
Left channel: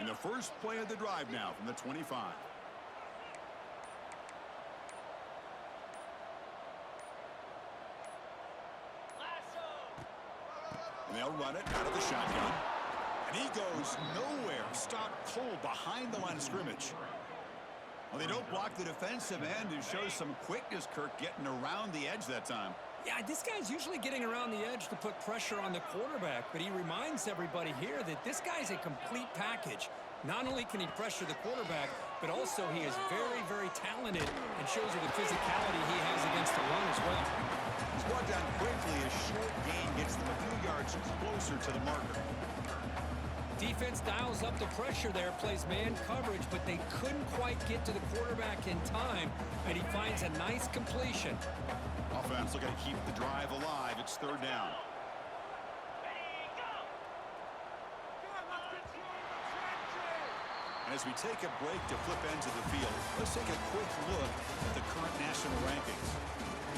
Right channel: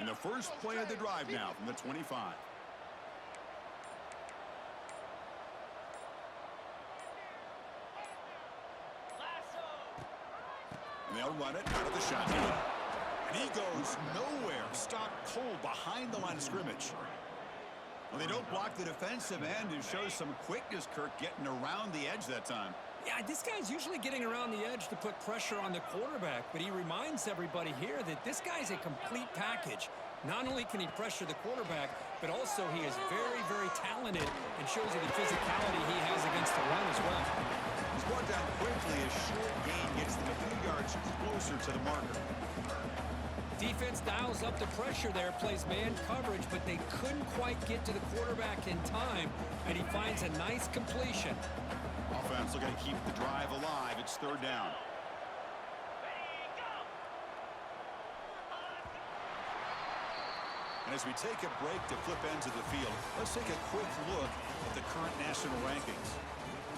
And the first play of the drive now from the 25. And they'll run it out of the shotgun. And he goes nowhere. Stopped cold behind the line of scrimmage. Well, they don't block the defensive end and shows some quickness, Kirk, getting around the edge that time. Yeah, this guy's usually getting around the edge to put pressure on the quarterback, but he reminds everybody here that this guy's a complete package. Not only can he pressure the quarterback, but also he is very, very talented and shows you the physicality he has against the run as well. He's brought down quickly. A short gain gets them a few yards closer to the marker. Defense dials up the pressure there, plays man coverage, but they couldn't quite get to the quarterback in time, and he finds a nice completion. Offense looking to keep the drive alive. It's 3rd down. And as we take a break to flip ends of the field, let's take a quick look at the current national rankings.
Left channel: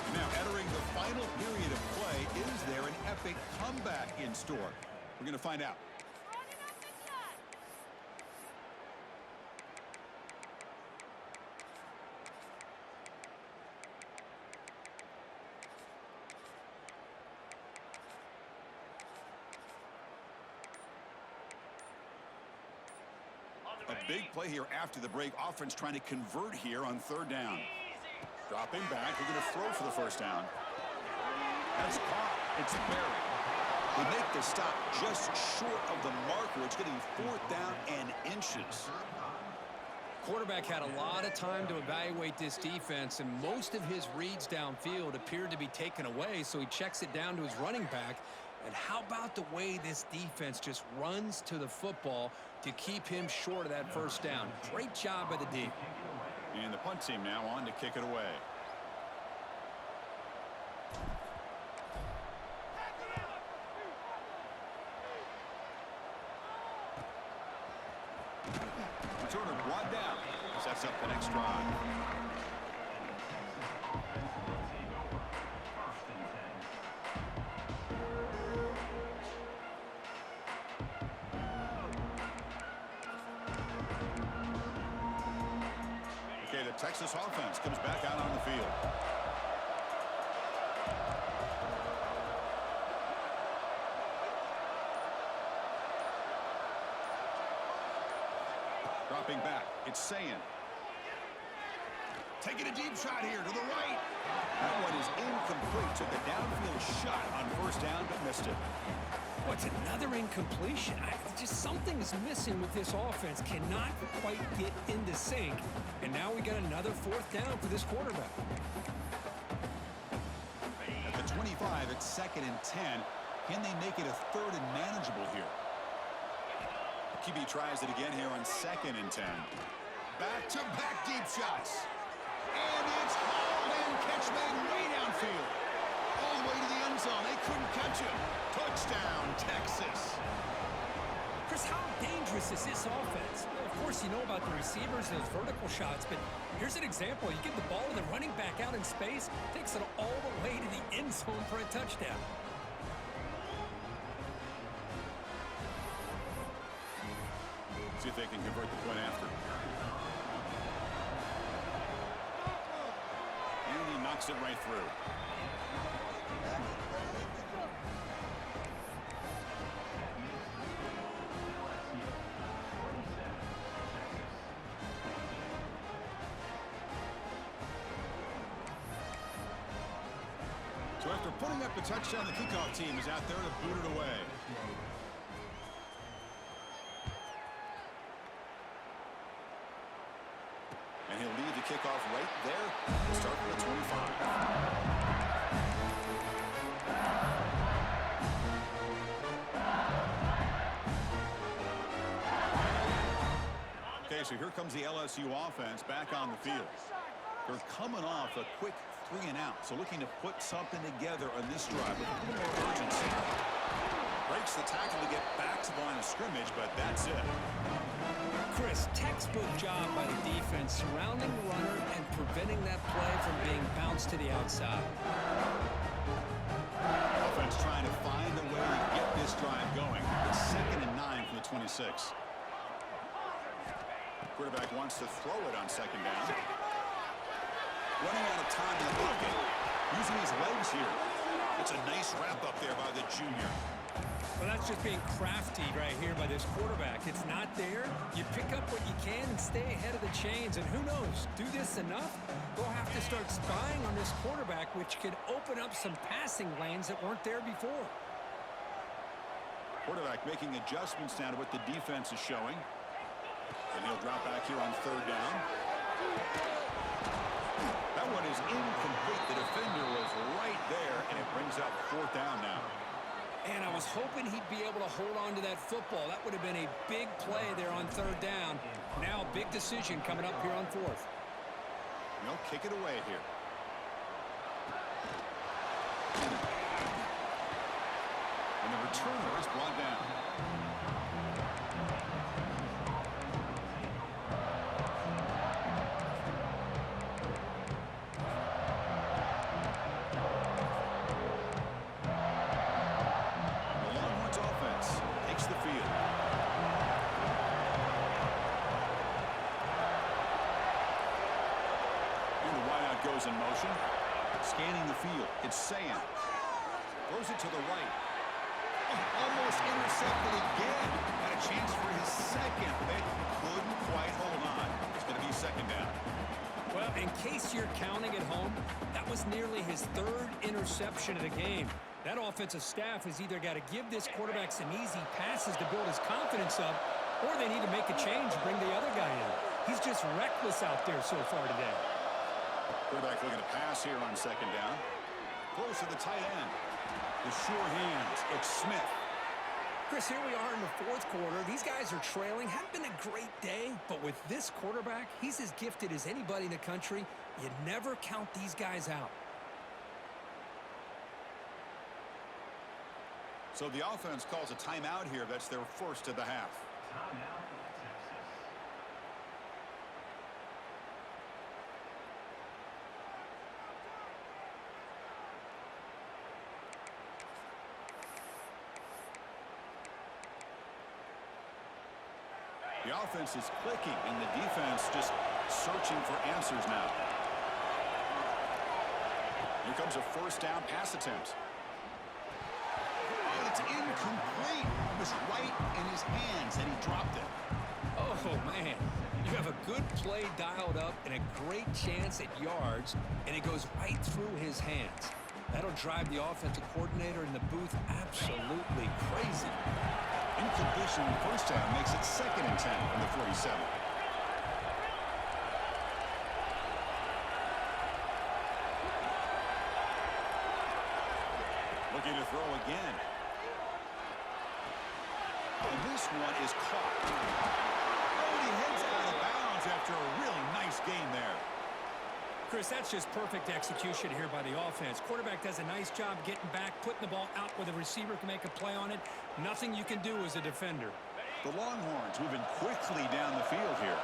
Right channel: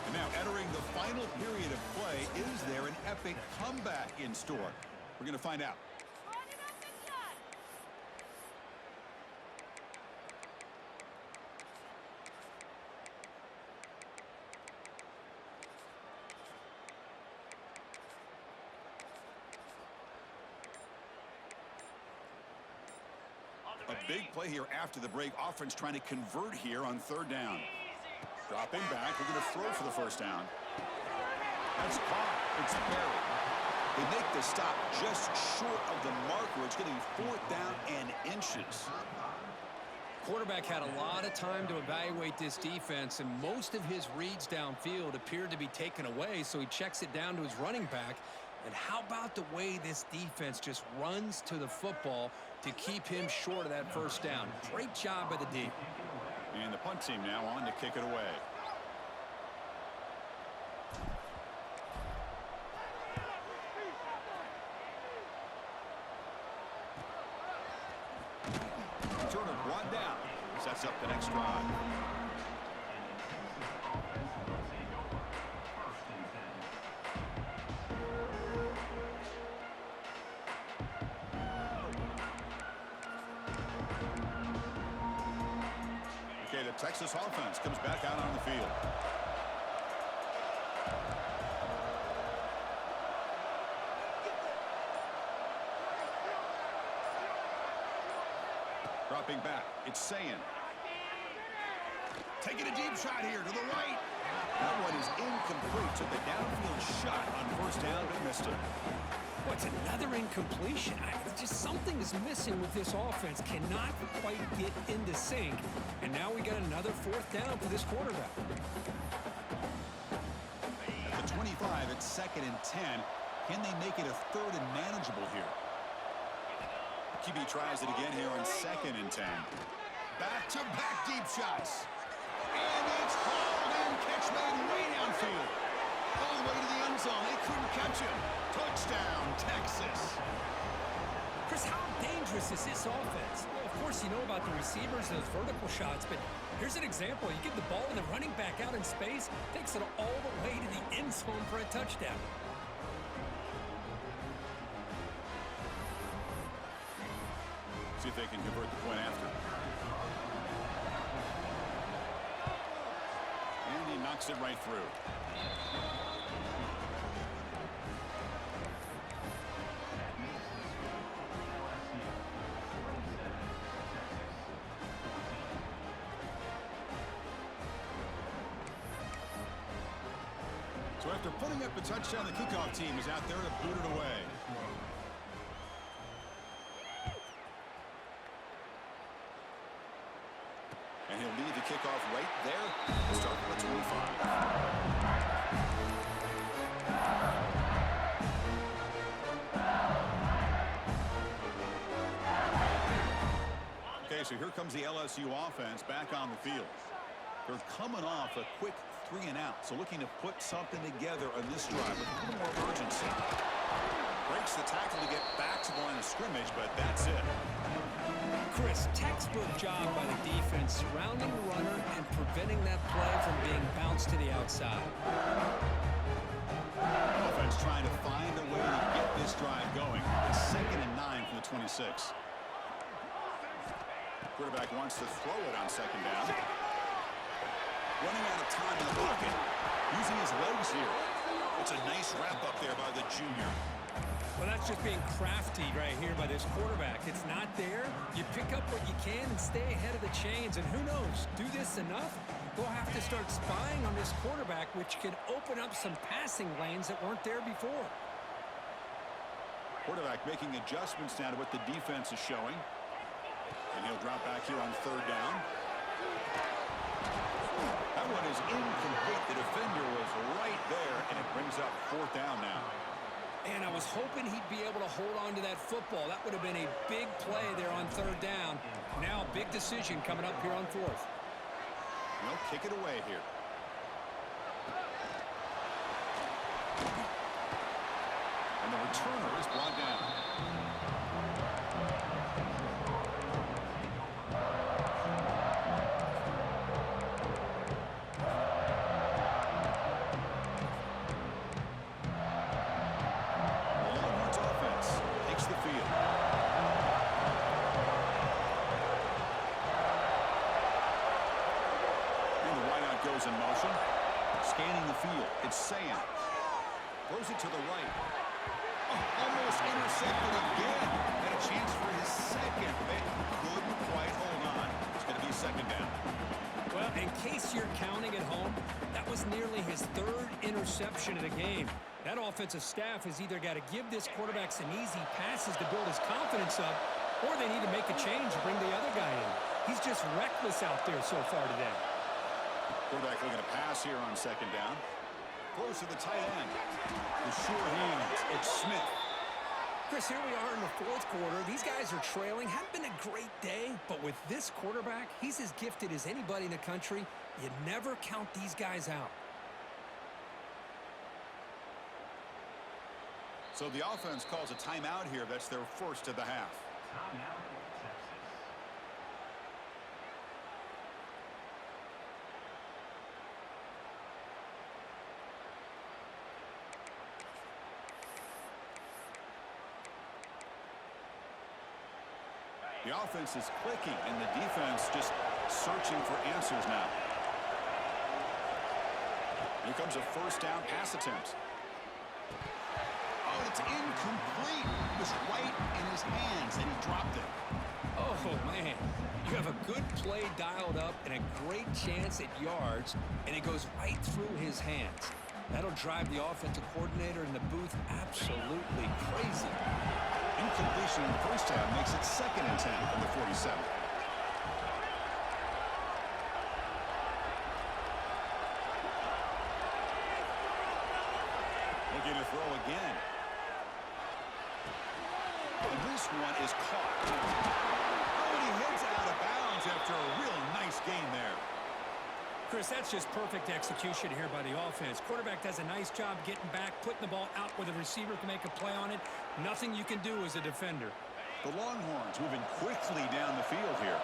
And now, entering the final period of play, is there an epic comeback in store? We're going to find out. A big play here after the break. Offense trying to convert here on third down. Dropping back. We're going to throw for the first down. That's caught. It's buried. They make the stop just short of the marker. It's going to be 4th down and inches. Quarterback had a lot of time to evaluate this defense, and most of his reads downfield appeared to be taken away, so he checks it down to his running back. And how about the way this defense just runs to the football to keep him short of that first down? Great job by the D. And the punt team now on to kick it away. Turner brought down. Sets up the next drive. Okay, the Texas offense comes back out on the field. Dropping back, it's Sayin. Taking a deep shot here to the right. That one is incomplete. Took a downfield shot on first down, but missed it. What's another incompletion? Just something is missing with this offense. Cannot quite get into sync. And now we got another 4th down for this quarterback. At the 25, it's 2nd and 10. Can they make it a 3rd and manageable here? QB tries it again here on 2nd and 10. Back-to-back deep shots. And it's hauled in. Catch made way downfield. All the way to the end zone. They couldn't catch him. Touchdown, Texas. Chris, how dangerous is this offense? Well, of course, you know about the receivers and those vertical shots, but here's an example. You give the ball to the running back out in space, takes it all the way to the end zone for a touchdown. See if they can convert the point after. And he knocks it right through. So after putting up a touchdown, the kickoff team is out there to boot it away. And he'll lead the kickoff right there. We'll start from the 25. Okay, so here comes the LSU offense back on the field. They're coming off a quick 3-and-out, so looking to put something together on this drive with a little more urgency. Breaks the tackle to get back to the line of scrimmage, but that's it. Chris, textbook job by the defense surrounding the runner and preventing that play from being bounced to the outside. Offense trying to find a way to get this drive going. It's 2nd and 9 from the 26. Quarterback wants to throw it on 2nd down. Running out of time in the pocket. Using his legs here. It's a nice wrap up there by the junior. Well, that's just being crafty right here by this quarterback. It's not there. You pick up what you can and stay ahead of the chains. And who knows, do this enough, they'll have to start spying on this quarterback, which could open up some passing lanes that weren't there before. Quarterback making adjustments now to what the defense is showing. And he'll drop back here on 3rd down. That one is incomplete. The defender was right there, and it brings up 4th down now. And I was hoping he'd be able to hold on to that football. That would have been a big play there on 3rd down. Now a big decision coming up here on 4th. They'll kick it away here. And the returner is brought down. goes in motion. Scanning the field. It's Sand. Throws it to the right. Oh, almost intercepted again. Had a chance for his second, but couldn't quite hold on. It's going to be second down. Well, in case you're counting at home, that was nearly his third interception of the game. That offensive staff has either got to give this quarterback some easy passes to build his confidence up, or they need to make a change and bring the other guy in. He's just reckless out there so far today. Quarterback looking to pass here on second down. Close to the tight end. The sure hands. It's Smith. Chris, here we are in the fourth quarter. These guys are trailing. Hadn't been a great day, but with this quarterback, he's as gifted as anybody in the country. You never count these guys out. So the offense calls a timeout here. That's their first of the half. Timeout, Texas. The offense is clicking, and the defense just searching for answers now. Here comes a first down pass attempt. Oh, it's incomplete. It was right in his hands, and he dropped it. Oh, man. You have a good play dialed up and a great chance at yards, and it goes right through his hands. That'll drive the offensive coordinator in the booth absolutely crazy. Incompletion in the first half makes it 2nd and 10 from the 47. Looking to throw again. And this one is caught. Oh, and he heads out of bounds after a real nice gain there. Chris, that's just perfect execution here by the offense. Quarterback does a nice job getting back, putting the ball out where the receiver can make a play on it. Nothing you can do as a defender. The Longhorns moving quickly down the field here.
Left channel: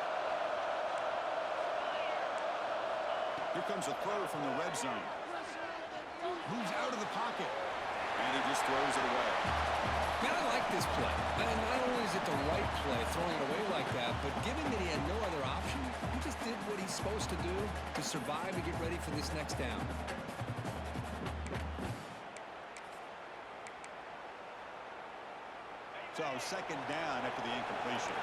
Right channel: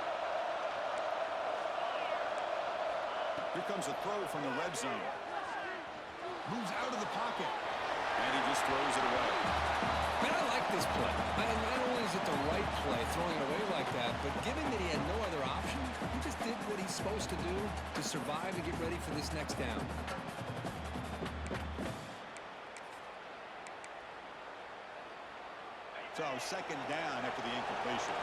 Here comes a throw from the red zone. Moves out of the pocket. And he just throws it away. Man, I like this play. And not only is it the right play, throwing it away like that, but given that he had no other option, he just did what he's supposed to do to survive and get ready for this next down. So, second down after the incompletion.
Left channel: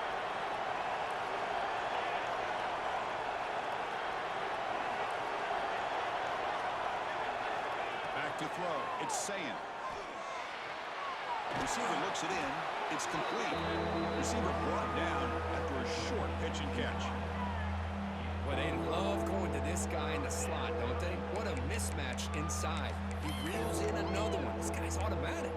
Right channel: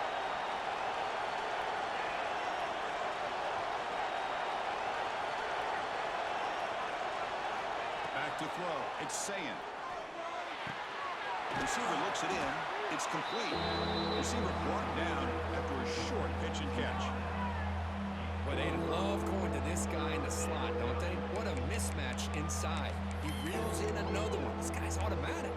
Back to throw. It's Sand. Receiver looks it in. It's complete. Receiver brought down after a short pitch and catch. Well, they love going to this guy in the slot, don't they? What a mismatch inside. He reels in another one. This guy's automatic.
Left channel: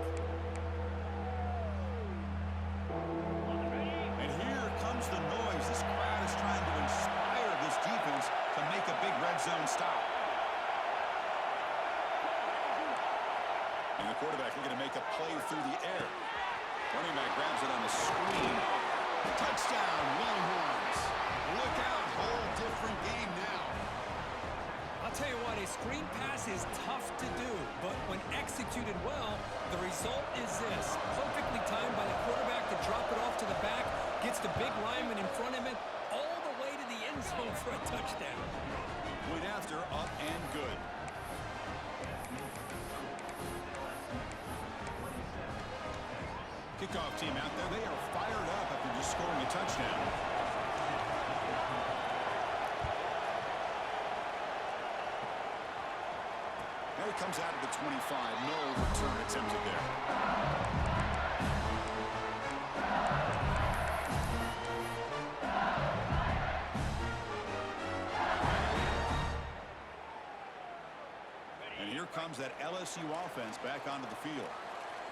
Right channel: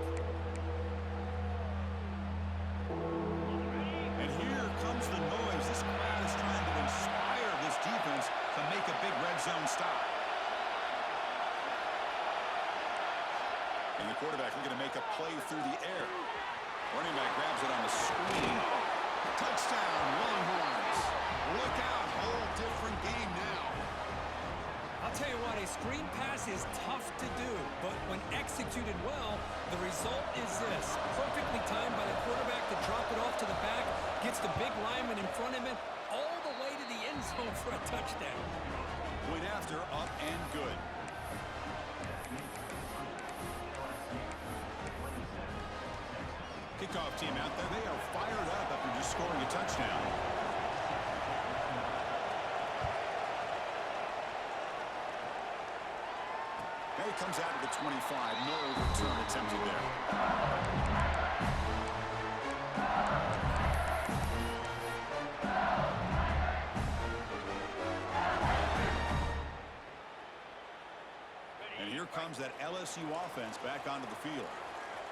And here comes the noise. This crowd is trying to inspire this defense to make a big red zone stop. And the quarterback looking to make a play through the air. Running back grabs it on the screen. Touchdown, Longhorns. Look out, whole different game now. I'll tell you what, a screen pass is tough to do, but when executed well, the result is this. Perfectly timed by the quarterback to drop it off to the back, gets the big lineman in front of him, all the way to the end zone for a touchdown. Went after, up and good. Kickoff team out there, they are fired up after just scoring a touchdown. Now he comes out of the 25. No return attempted there. And here comes that LSU offense back onto the field.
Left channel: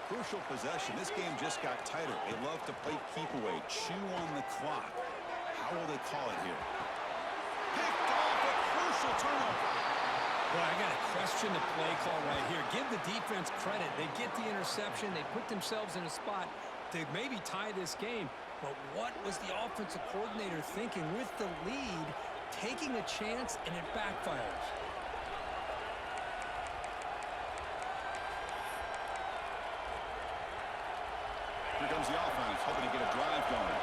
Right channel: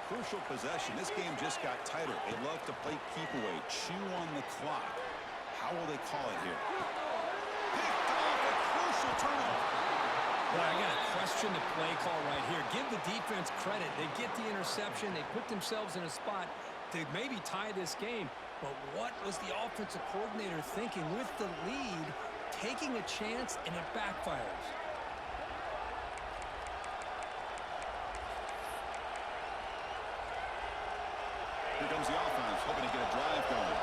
Crucial possession. This game just got tighter. They love to play keep away, chew on the clock. How will they call it here? Picked off, a crucial turnover. Well, I got to question the play call right here. Give the defense credit. They get the interception. They put themselves in a spot to maybe tie this game. But what was the offensive coordinator thinking with the lead, taking a chance, and it backfires? Here comes the offense, hoping to get a drive going.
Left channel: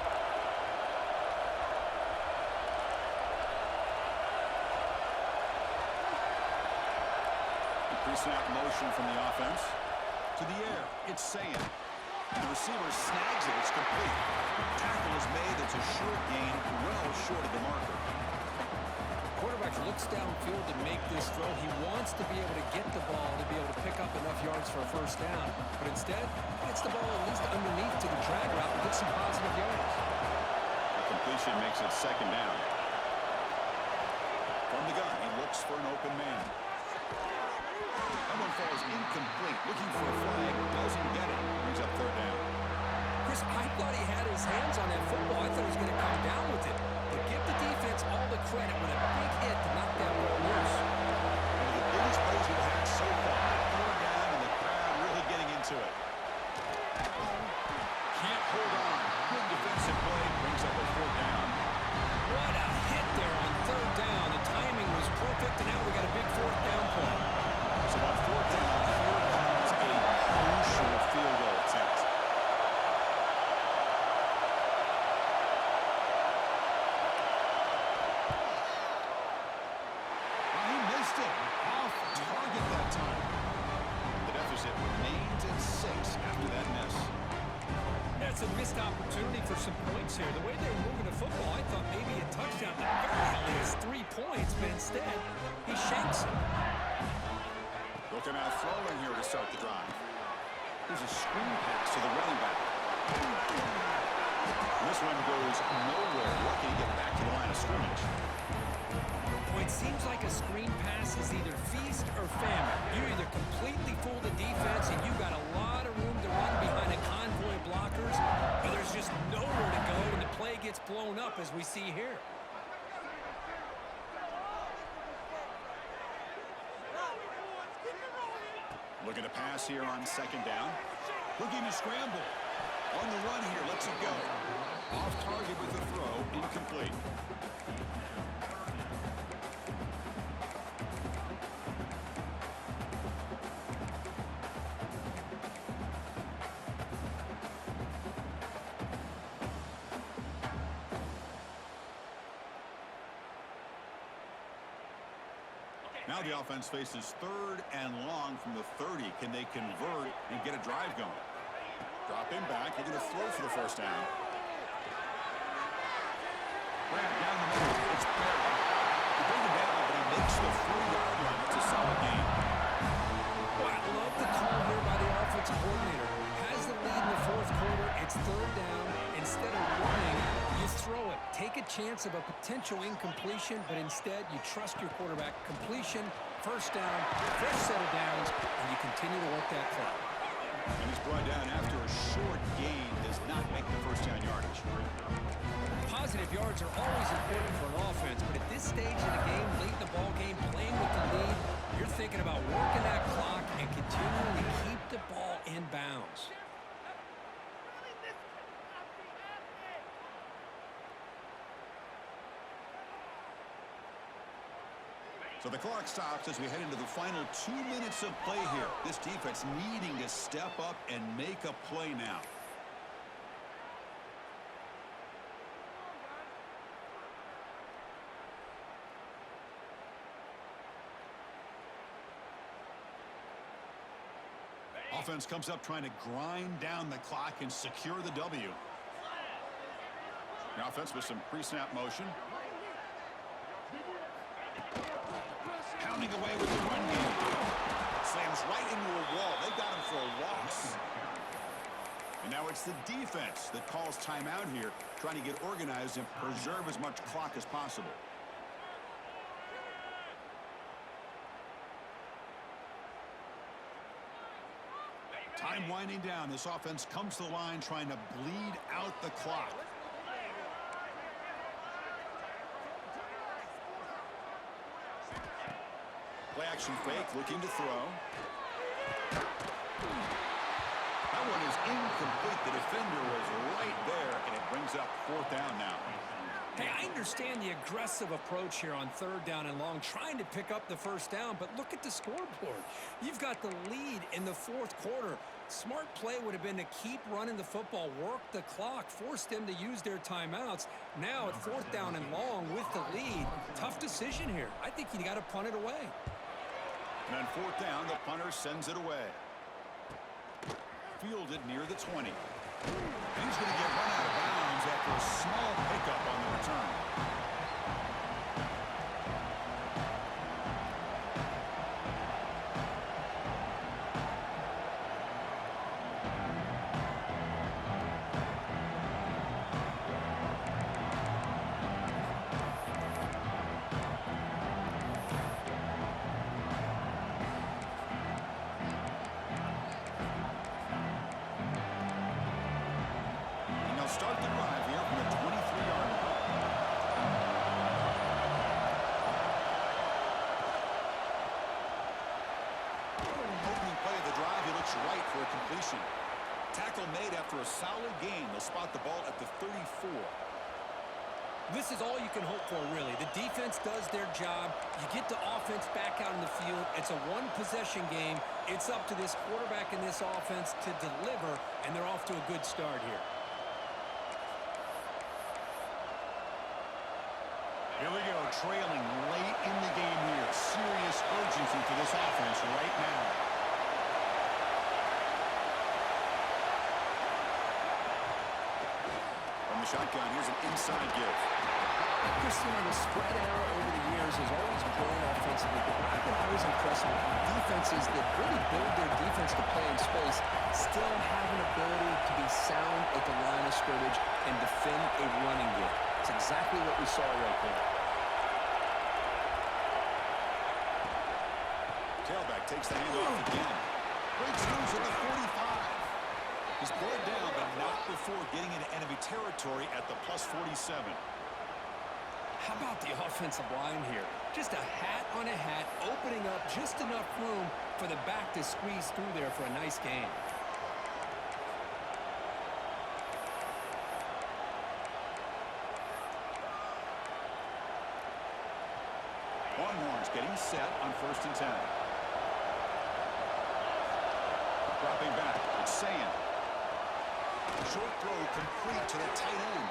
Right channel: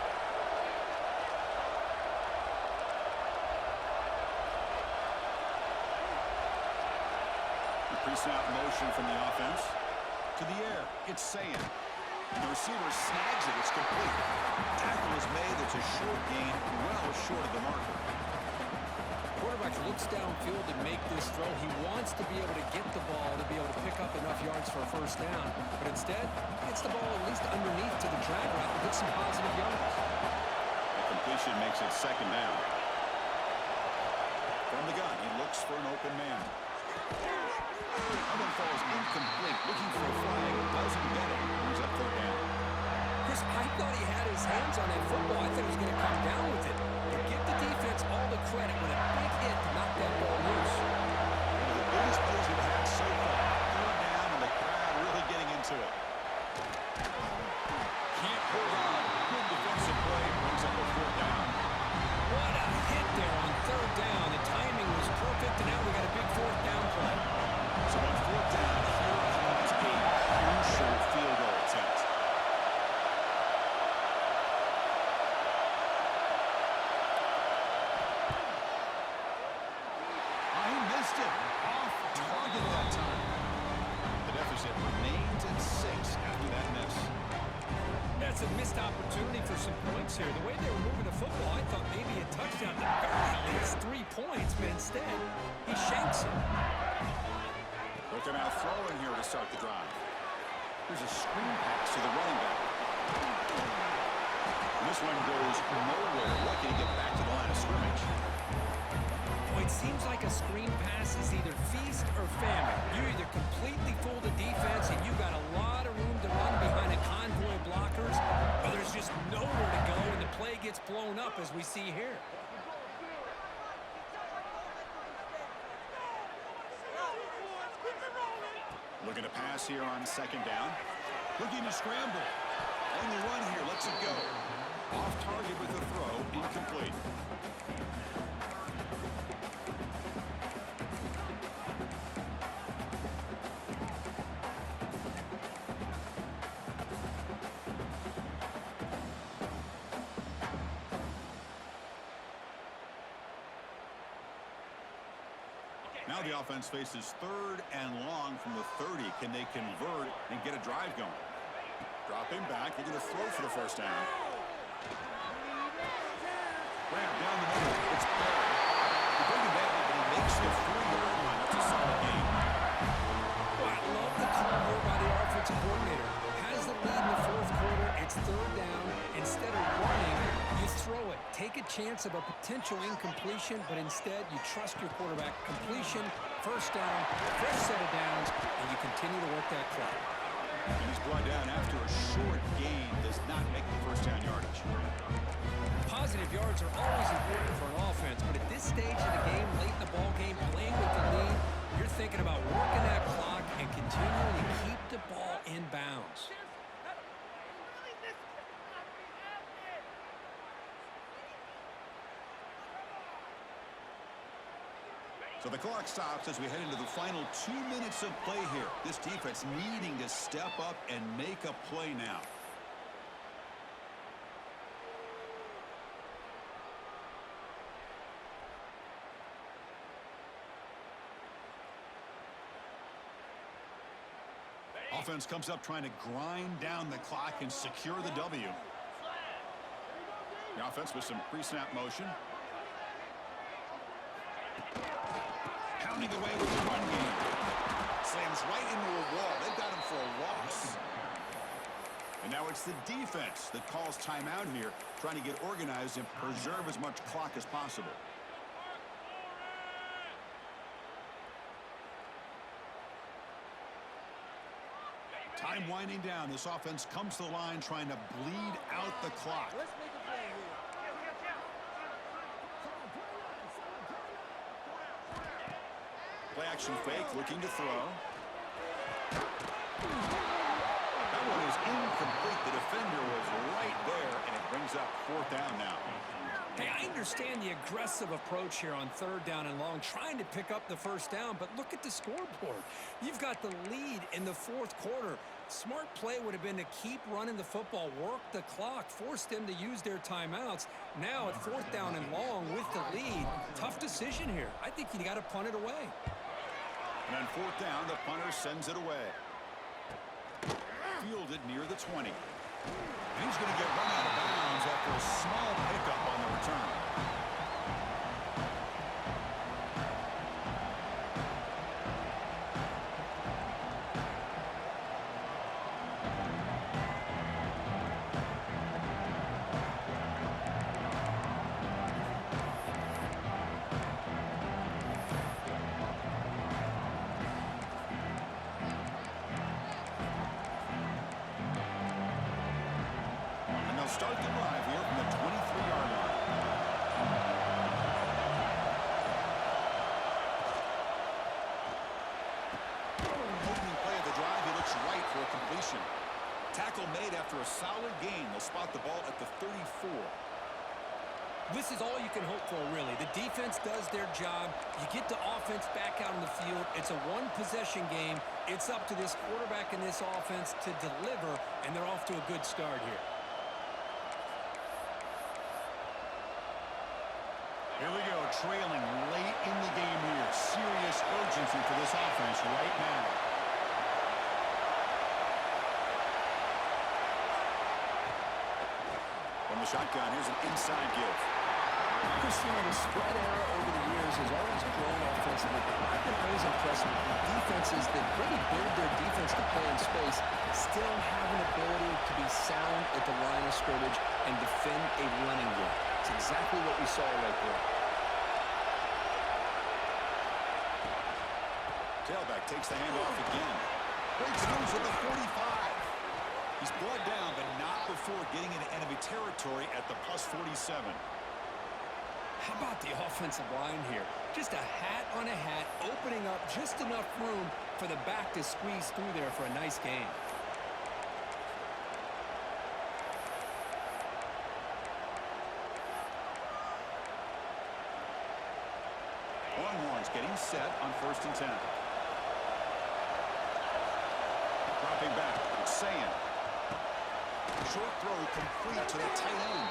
Pre-snap motion from the offense. To the air. It's Sayan. And the receiver snags it. It's complete. Tackle is made. It's a short gain, well short of the marker. Quarterback looks downfield to make this throw. He wants to be able to get the ball to be able to pick up enough yards for a first down. But instead, he gets the ball at least underneath to the drag route and gets some positive yards. A completion makes it second down. From the gun, he looks for an open man. That one falls incomplete. Looking for a flag. Doesn't get it. Brings up third down. Chris, I thought he had his hands on that football. I thought he was going to come down with it. But give the defense all the credit with a big hit to knock that ball loose. One of the biggest plays we've had so far. Third down and the crowd really getting into it. Can't hold on. Good defensive play. Brings up a fourth down. What a hit there on third down. The timing was perfect, and now we got a big fourth down play. So on fourth down, here comes a crucial field goal attempt. He missed it. Off target that time. The deficit remains at 6 after that miss. That's a missed opportunity for some points here. The way they were moving the football, I thought maybe a touchdown, at the very least 3 points, but instead, he shanks it. Looking out throwing here to start the drive. There's a screen pass to the running back. And this one goes nowhere. Lucky to get back to the line of scrimmage. Well, it seems like a screen pass is either feast or famine. You either completely fool the defense and you got a lot of room to run behind a convoy of blockers, or there's just nowhere to go and the play gets blown up as we see here. Looking to pass here on second down. Looking to scramble. On the run here, lets it go. Off target with the throw, incomplete. Now the offense faces third and long from the 30. Can they convert and get a drive going? Dropping back. They're going to throw for the first down. Grab down the middle. It's buried. They bring him down, but he makes the 3-yard line. That's a solid game. Well, I love the call here by the offensive coordinator. Has the lead in the fourth quarter. It's third down. Instead of running, you throw it. Take a chance of a potential incompletion, but instead you trust your quarterback. Completion, first down, fresh set of downs, and you continue to work that clock. And he's brought down after a short gain. Does not make the first down yardage. Positive yards are always important for an offense, but at this stage of the game, late in the ball game, playing with the lead, you're thinking about working that clock and continuing to keep the ball in bounds. So the clock stops as we head into the final 2 minutes of play here. This defense needing to step up and make a play now. Offense comes up trying to grind down the clock and secure the W. The offense with some pre-snap motion. Pounding away with the run game. Slams right into a wall. They've got him for a loss. And now it's the defense that calls timeout here, trying to get organized and preserve as much clock as possible. Time winding down. This offense comes to the line trying to bleed out the clock. Play action fake, looking to throw. That one is incomplete. The defender was right there, and it brings up fourth down now. Hey, I understand the aggressive approach here on third down and long, trying to pick up the first down, but look at the scoreboard. You've got the lead in the fourth quarter. Smart play would have been to keep running the football, work the clock, force them to use their timeouts. Now at fourth down and long with the lead, tough decision here. I think you got to punt it away. And on fourth down, the punter sends it away. Fielded near the 20. And he's going to get run out of bounds after a small pickup on the return. Start the drive here from the 23-yard line. Opening play of the drive, he looks right for a completion. Tackle made after a solid gain. They'll spot the ball at the 34. This is all you can hope for, really. The defense does their job. You get the offense back out in the field. It's a one-possession game. It's up to this quarterback and this offense to deliver, and they're off to a good start here. Here we go, trailing late in the game here. Serious urgency for this offense right now. From the shotgun, here's an inside give. Christian, the spread era over the years has always grown offensively, but what I've been always impressed with defenses that really build their defense to play in space still have an ability to be sound at the line of scrimmage and defend a running game. It's exactly what we saw right there. Tailback takes the handoff again. Breaks loose at the 45. He's brought down, but not before getting into enemy territory at the plus 47. How about the offensive line here? Just a hat on a hat, opening up just enough room for the back to squeeze through there for a nice gain. Longhorns getting set on 1st and 10. Dropping back, it's Sayan. Short throw complete to the tight end.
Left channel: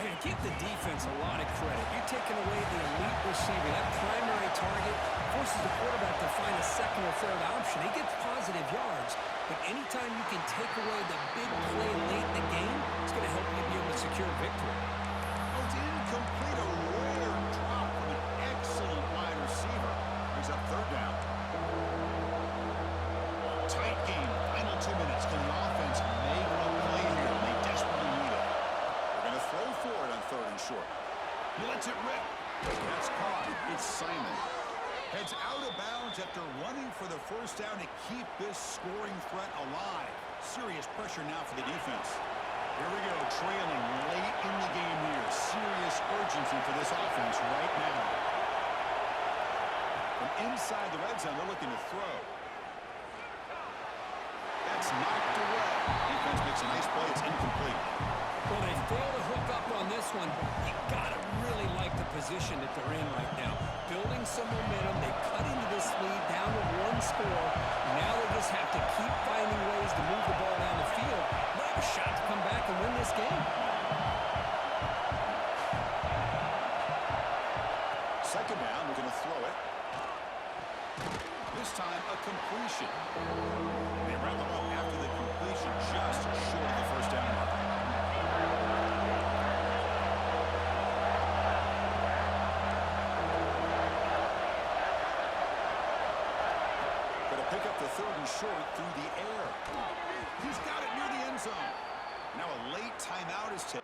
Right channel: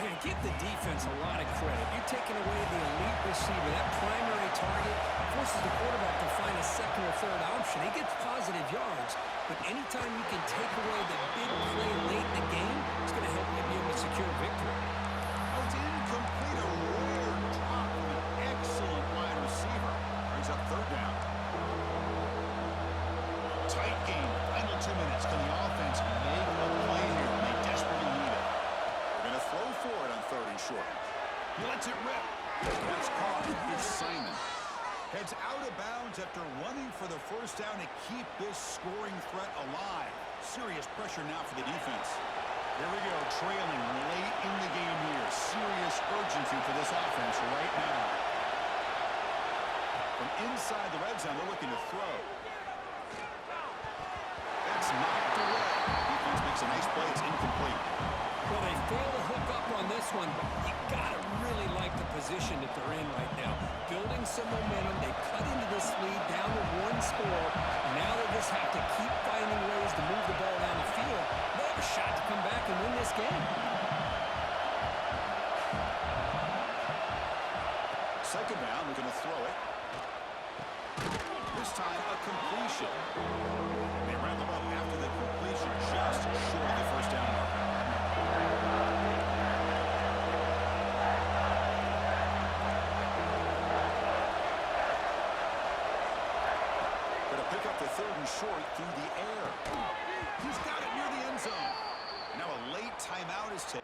Man, give the defense a lot of credit. You're taking away the elite receiver. That primary target forces the quarterback to find a second or third option. He gets positive yards, but anytime you can take away the big play late in the game, it's going to help you be able to secure victory. Oh, it's incomplete. A rare drop from an excellent wide receiver. Brings up 3rd down. Tight game. Final 2 minutes. Can the offense make a play here? They desperately need it. They're going to throw for it on 3rd and short. He lets it rip. That's caught. It's Simon. Heads out of bounds after running for the 1st down to keep this scoring threat alive. Serious pressure now for the defense. Here we go. Trailing late in the game here. Serious urgency for this offense right now. From inside the red zone, they're looking to throw. That's knocked away. Defense makes a nice play. It's incomplete. Well, they fail to hook up on this one, but you got to really like the position that they're in right now. Building some momentum. They cut into this lead down to 1 score. Now they just have to keep finding ways to move the ball down the field. They have a shot to come back and win this game. 2nd down, we're going to throw it. This time, a completion. They wrap him up after the completion, just short of the 1st down marker. Going to pick up the 3rd and short through the air. He's got it near the end zone. And now a late timeout is taken.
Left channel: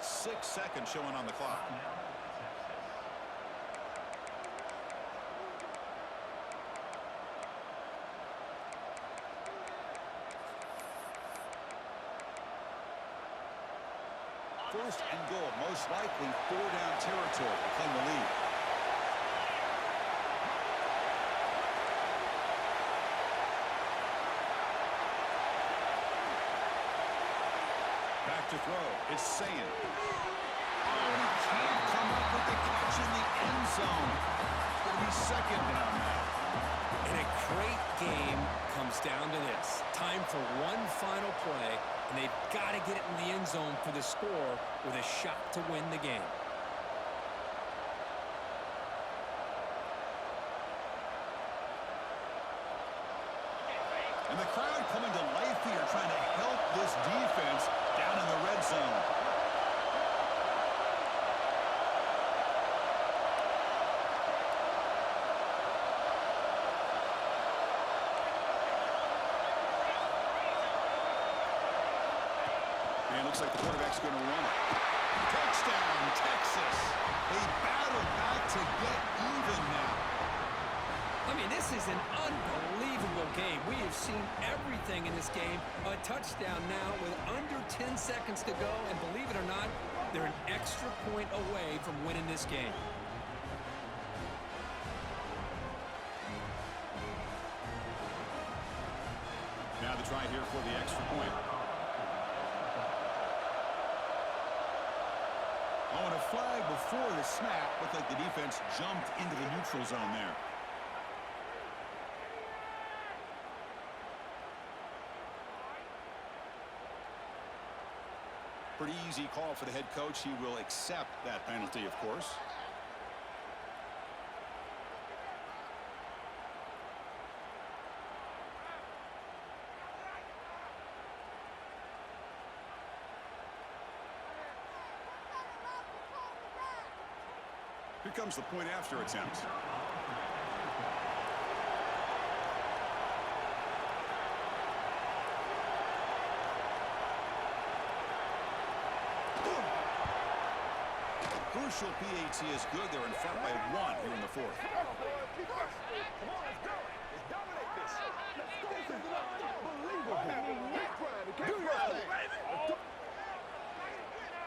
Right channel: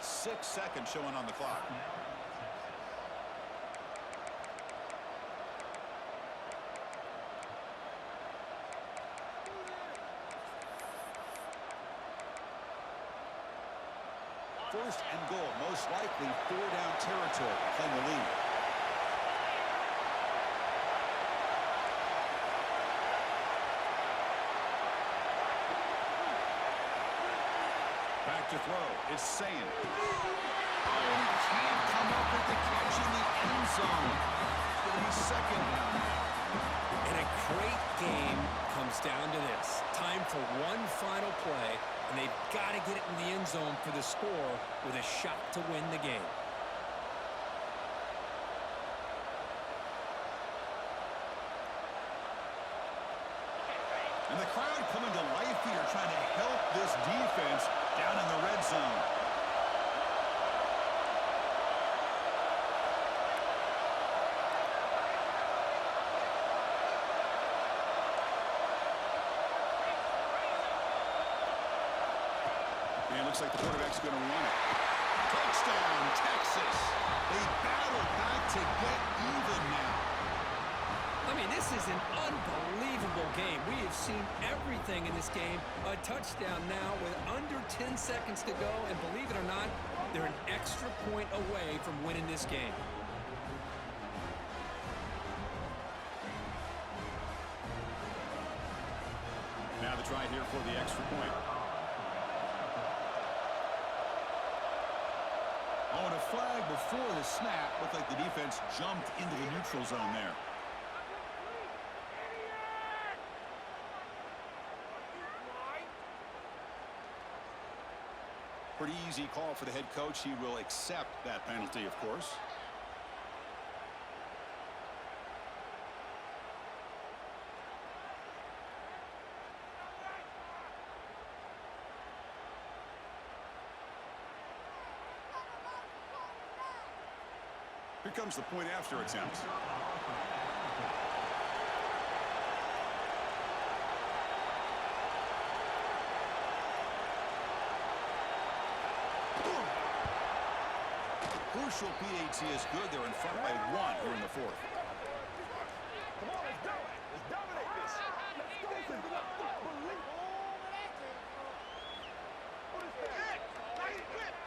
Six seconds showing on the clock. first and goal, most likely 4-down territory to claim the lead. Back to throw. It's Sayin. Oh, and he can't come up with the catch in the end zone. It's going to be second down now. And a great game comes down to this. Time for one final play, and they've got to get it in the end zone for the score with a shot to win the game. And the crowd coming to life here, trying to help this defense down in the red zone. And it looks like the quarterback's going to run it. Touchdown, Texas. They battle back to get even now. I mean, this is an unbelievable game. We have seen everything in this game. A touchdown now with under 10 seconds to go. And believe it or not, they're an extra point away from winning this game. Now the try here for the extra point. Oh, and a flag before the snap. Looked like the defense jumped into the neutral zone there. Pretty easy call for the head coach. He will accept that penalty, of course. Here comes the point after attempt. Crucial PAT is good. They're in front by 1 here in the fourth. Come on, let's go. Let's dominate this. Let's go. This is unbelievable.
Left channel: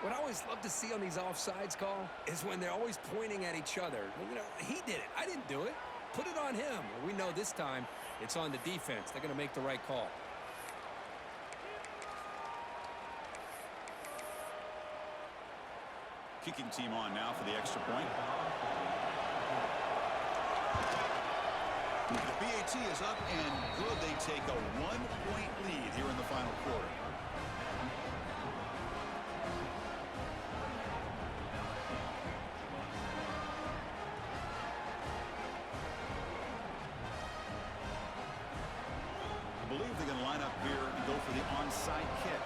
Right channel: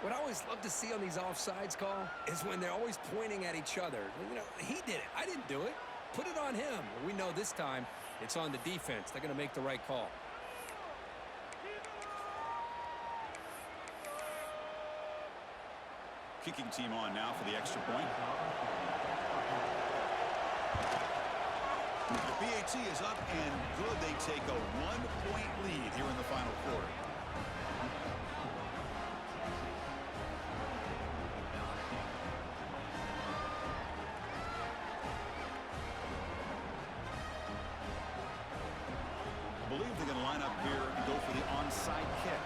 What I always love to see on these offsides call is when they're always pointing at each other. You know, he did it. I didn't do it. Put it on him. We know this time it's on the defense. They're going to make the right call. Kicking team on now for the extra point. The PAT is up and good. They take a 1-point lead here in the final quarter. I believe they're going to line up here and go for the onside kick.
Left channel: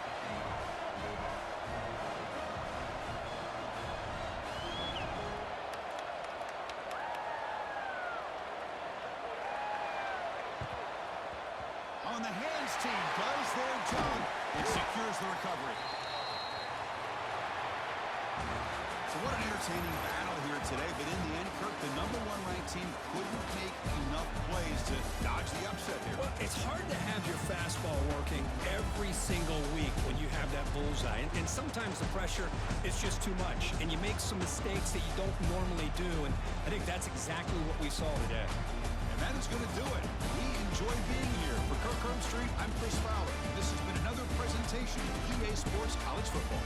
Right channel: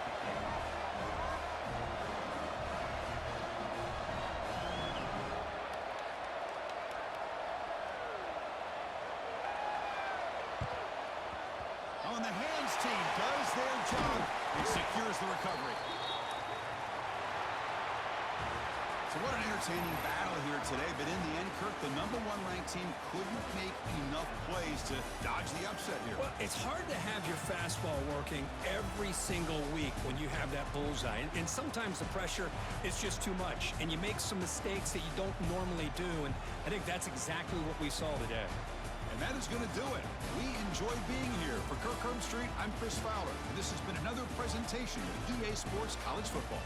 Oh, and the hands team does their job and secures the recovery. So what an entertaining battle here today, but in the end, Kirk, the #1 ranked team couldn't make enough plays to dodge the upset here. Well, it's hard to have your fastball working every single week when you have that bullseye. And sometimes the pressure is just too much, and you make some mistakes that you don't normally do. And I think that's exactly what we saw today. And that is going to do it. We enjoy being here. For Kirk Herbstreit, I'm Chris Fowler. And this has been another presentation of EA Sports College Football.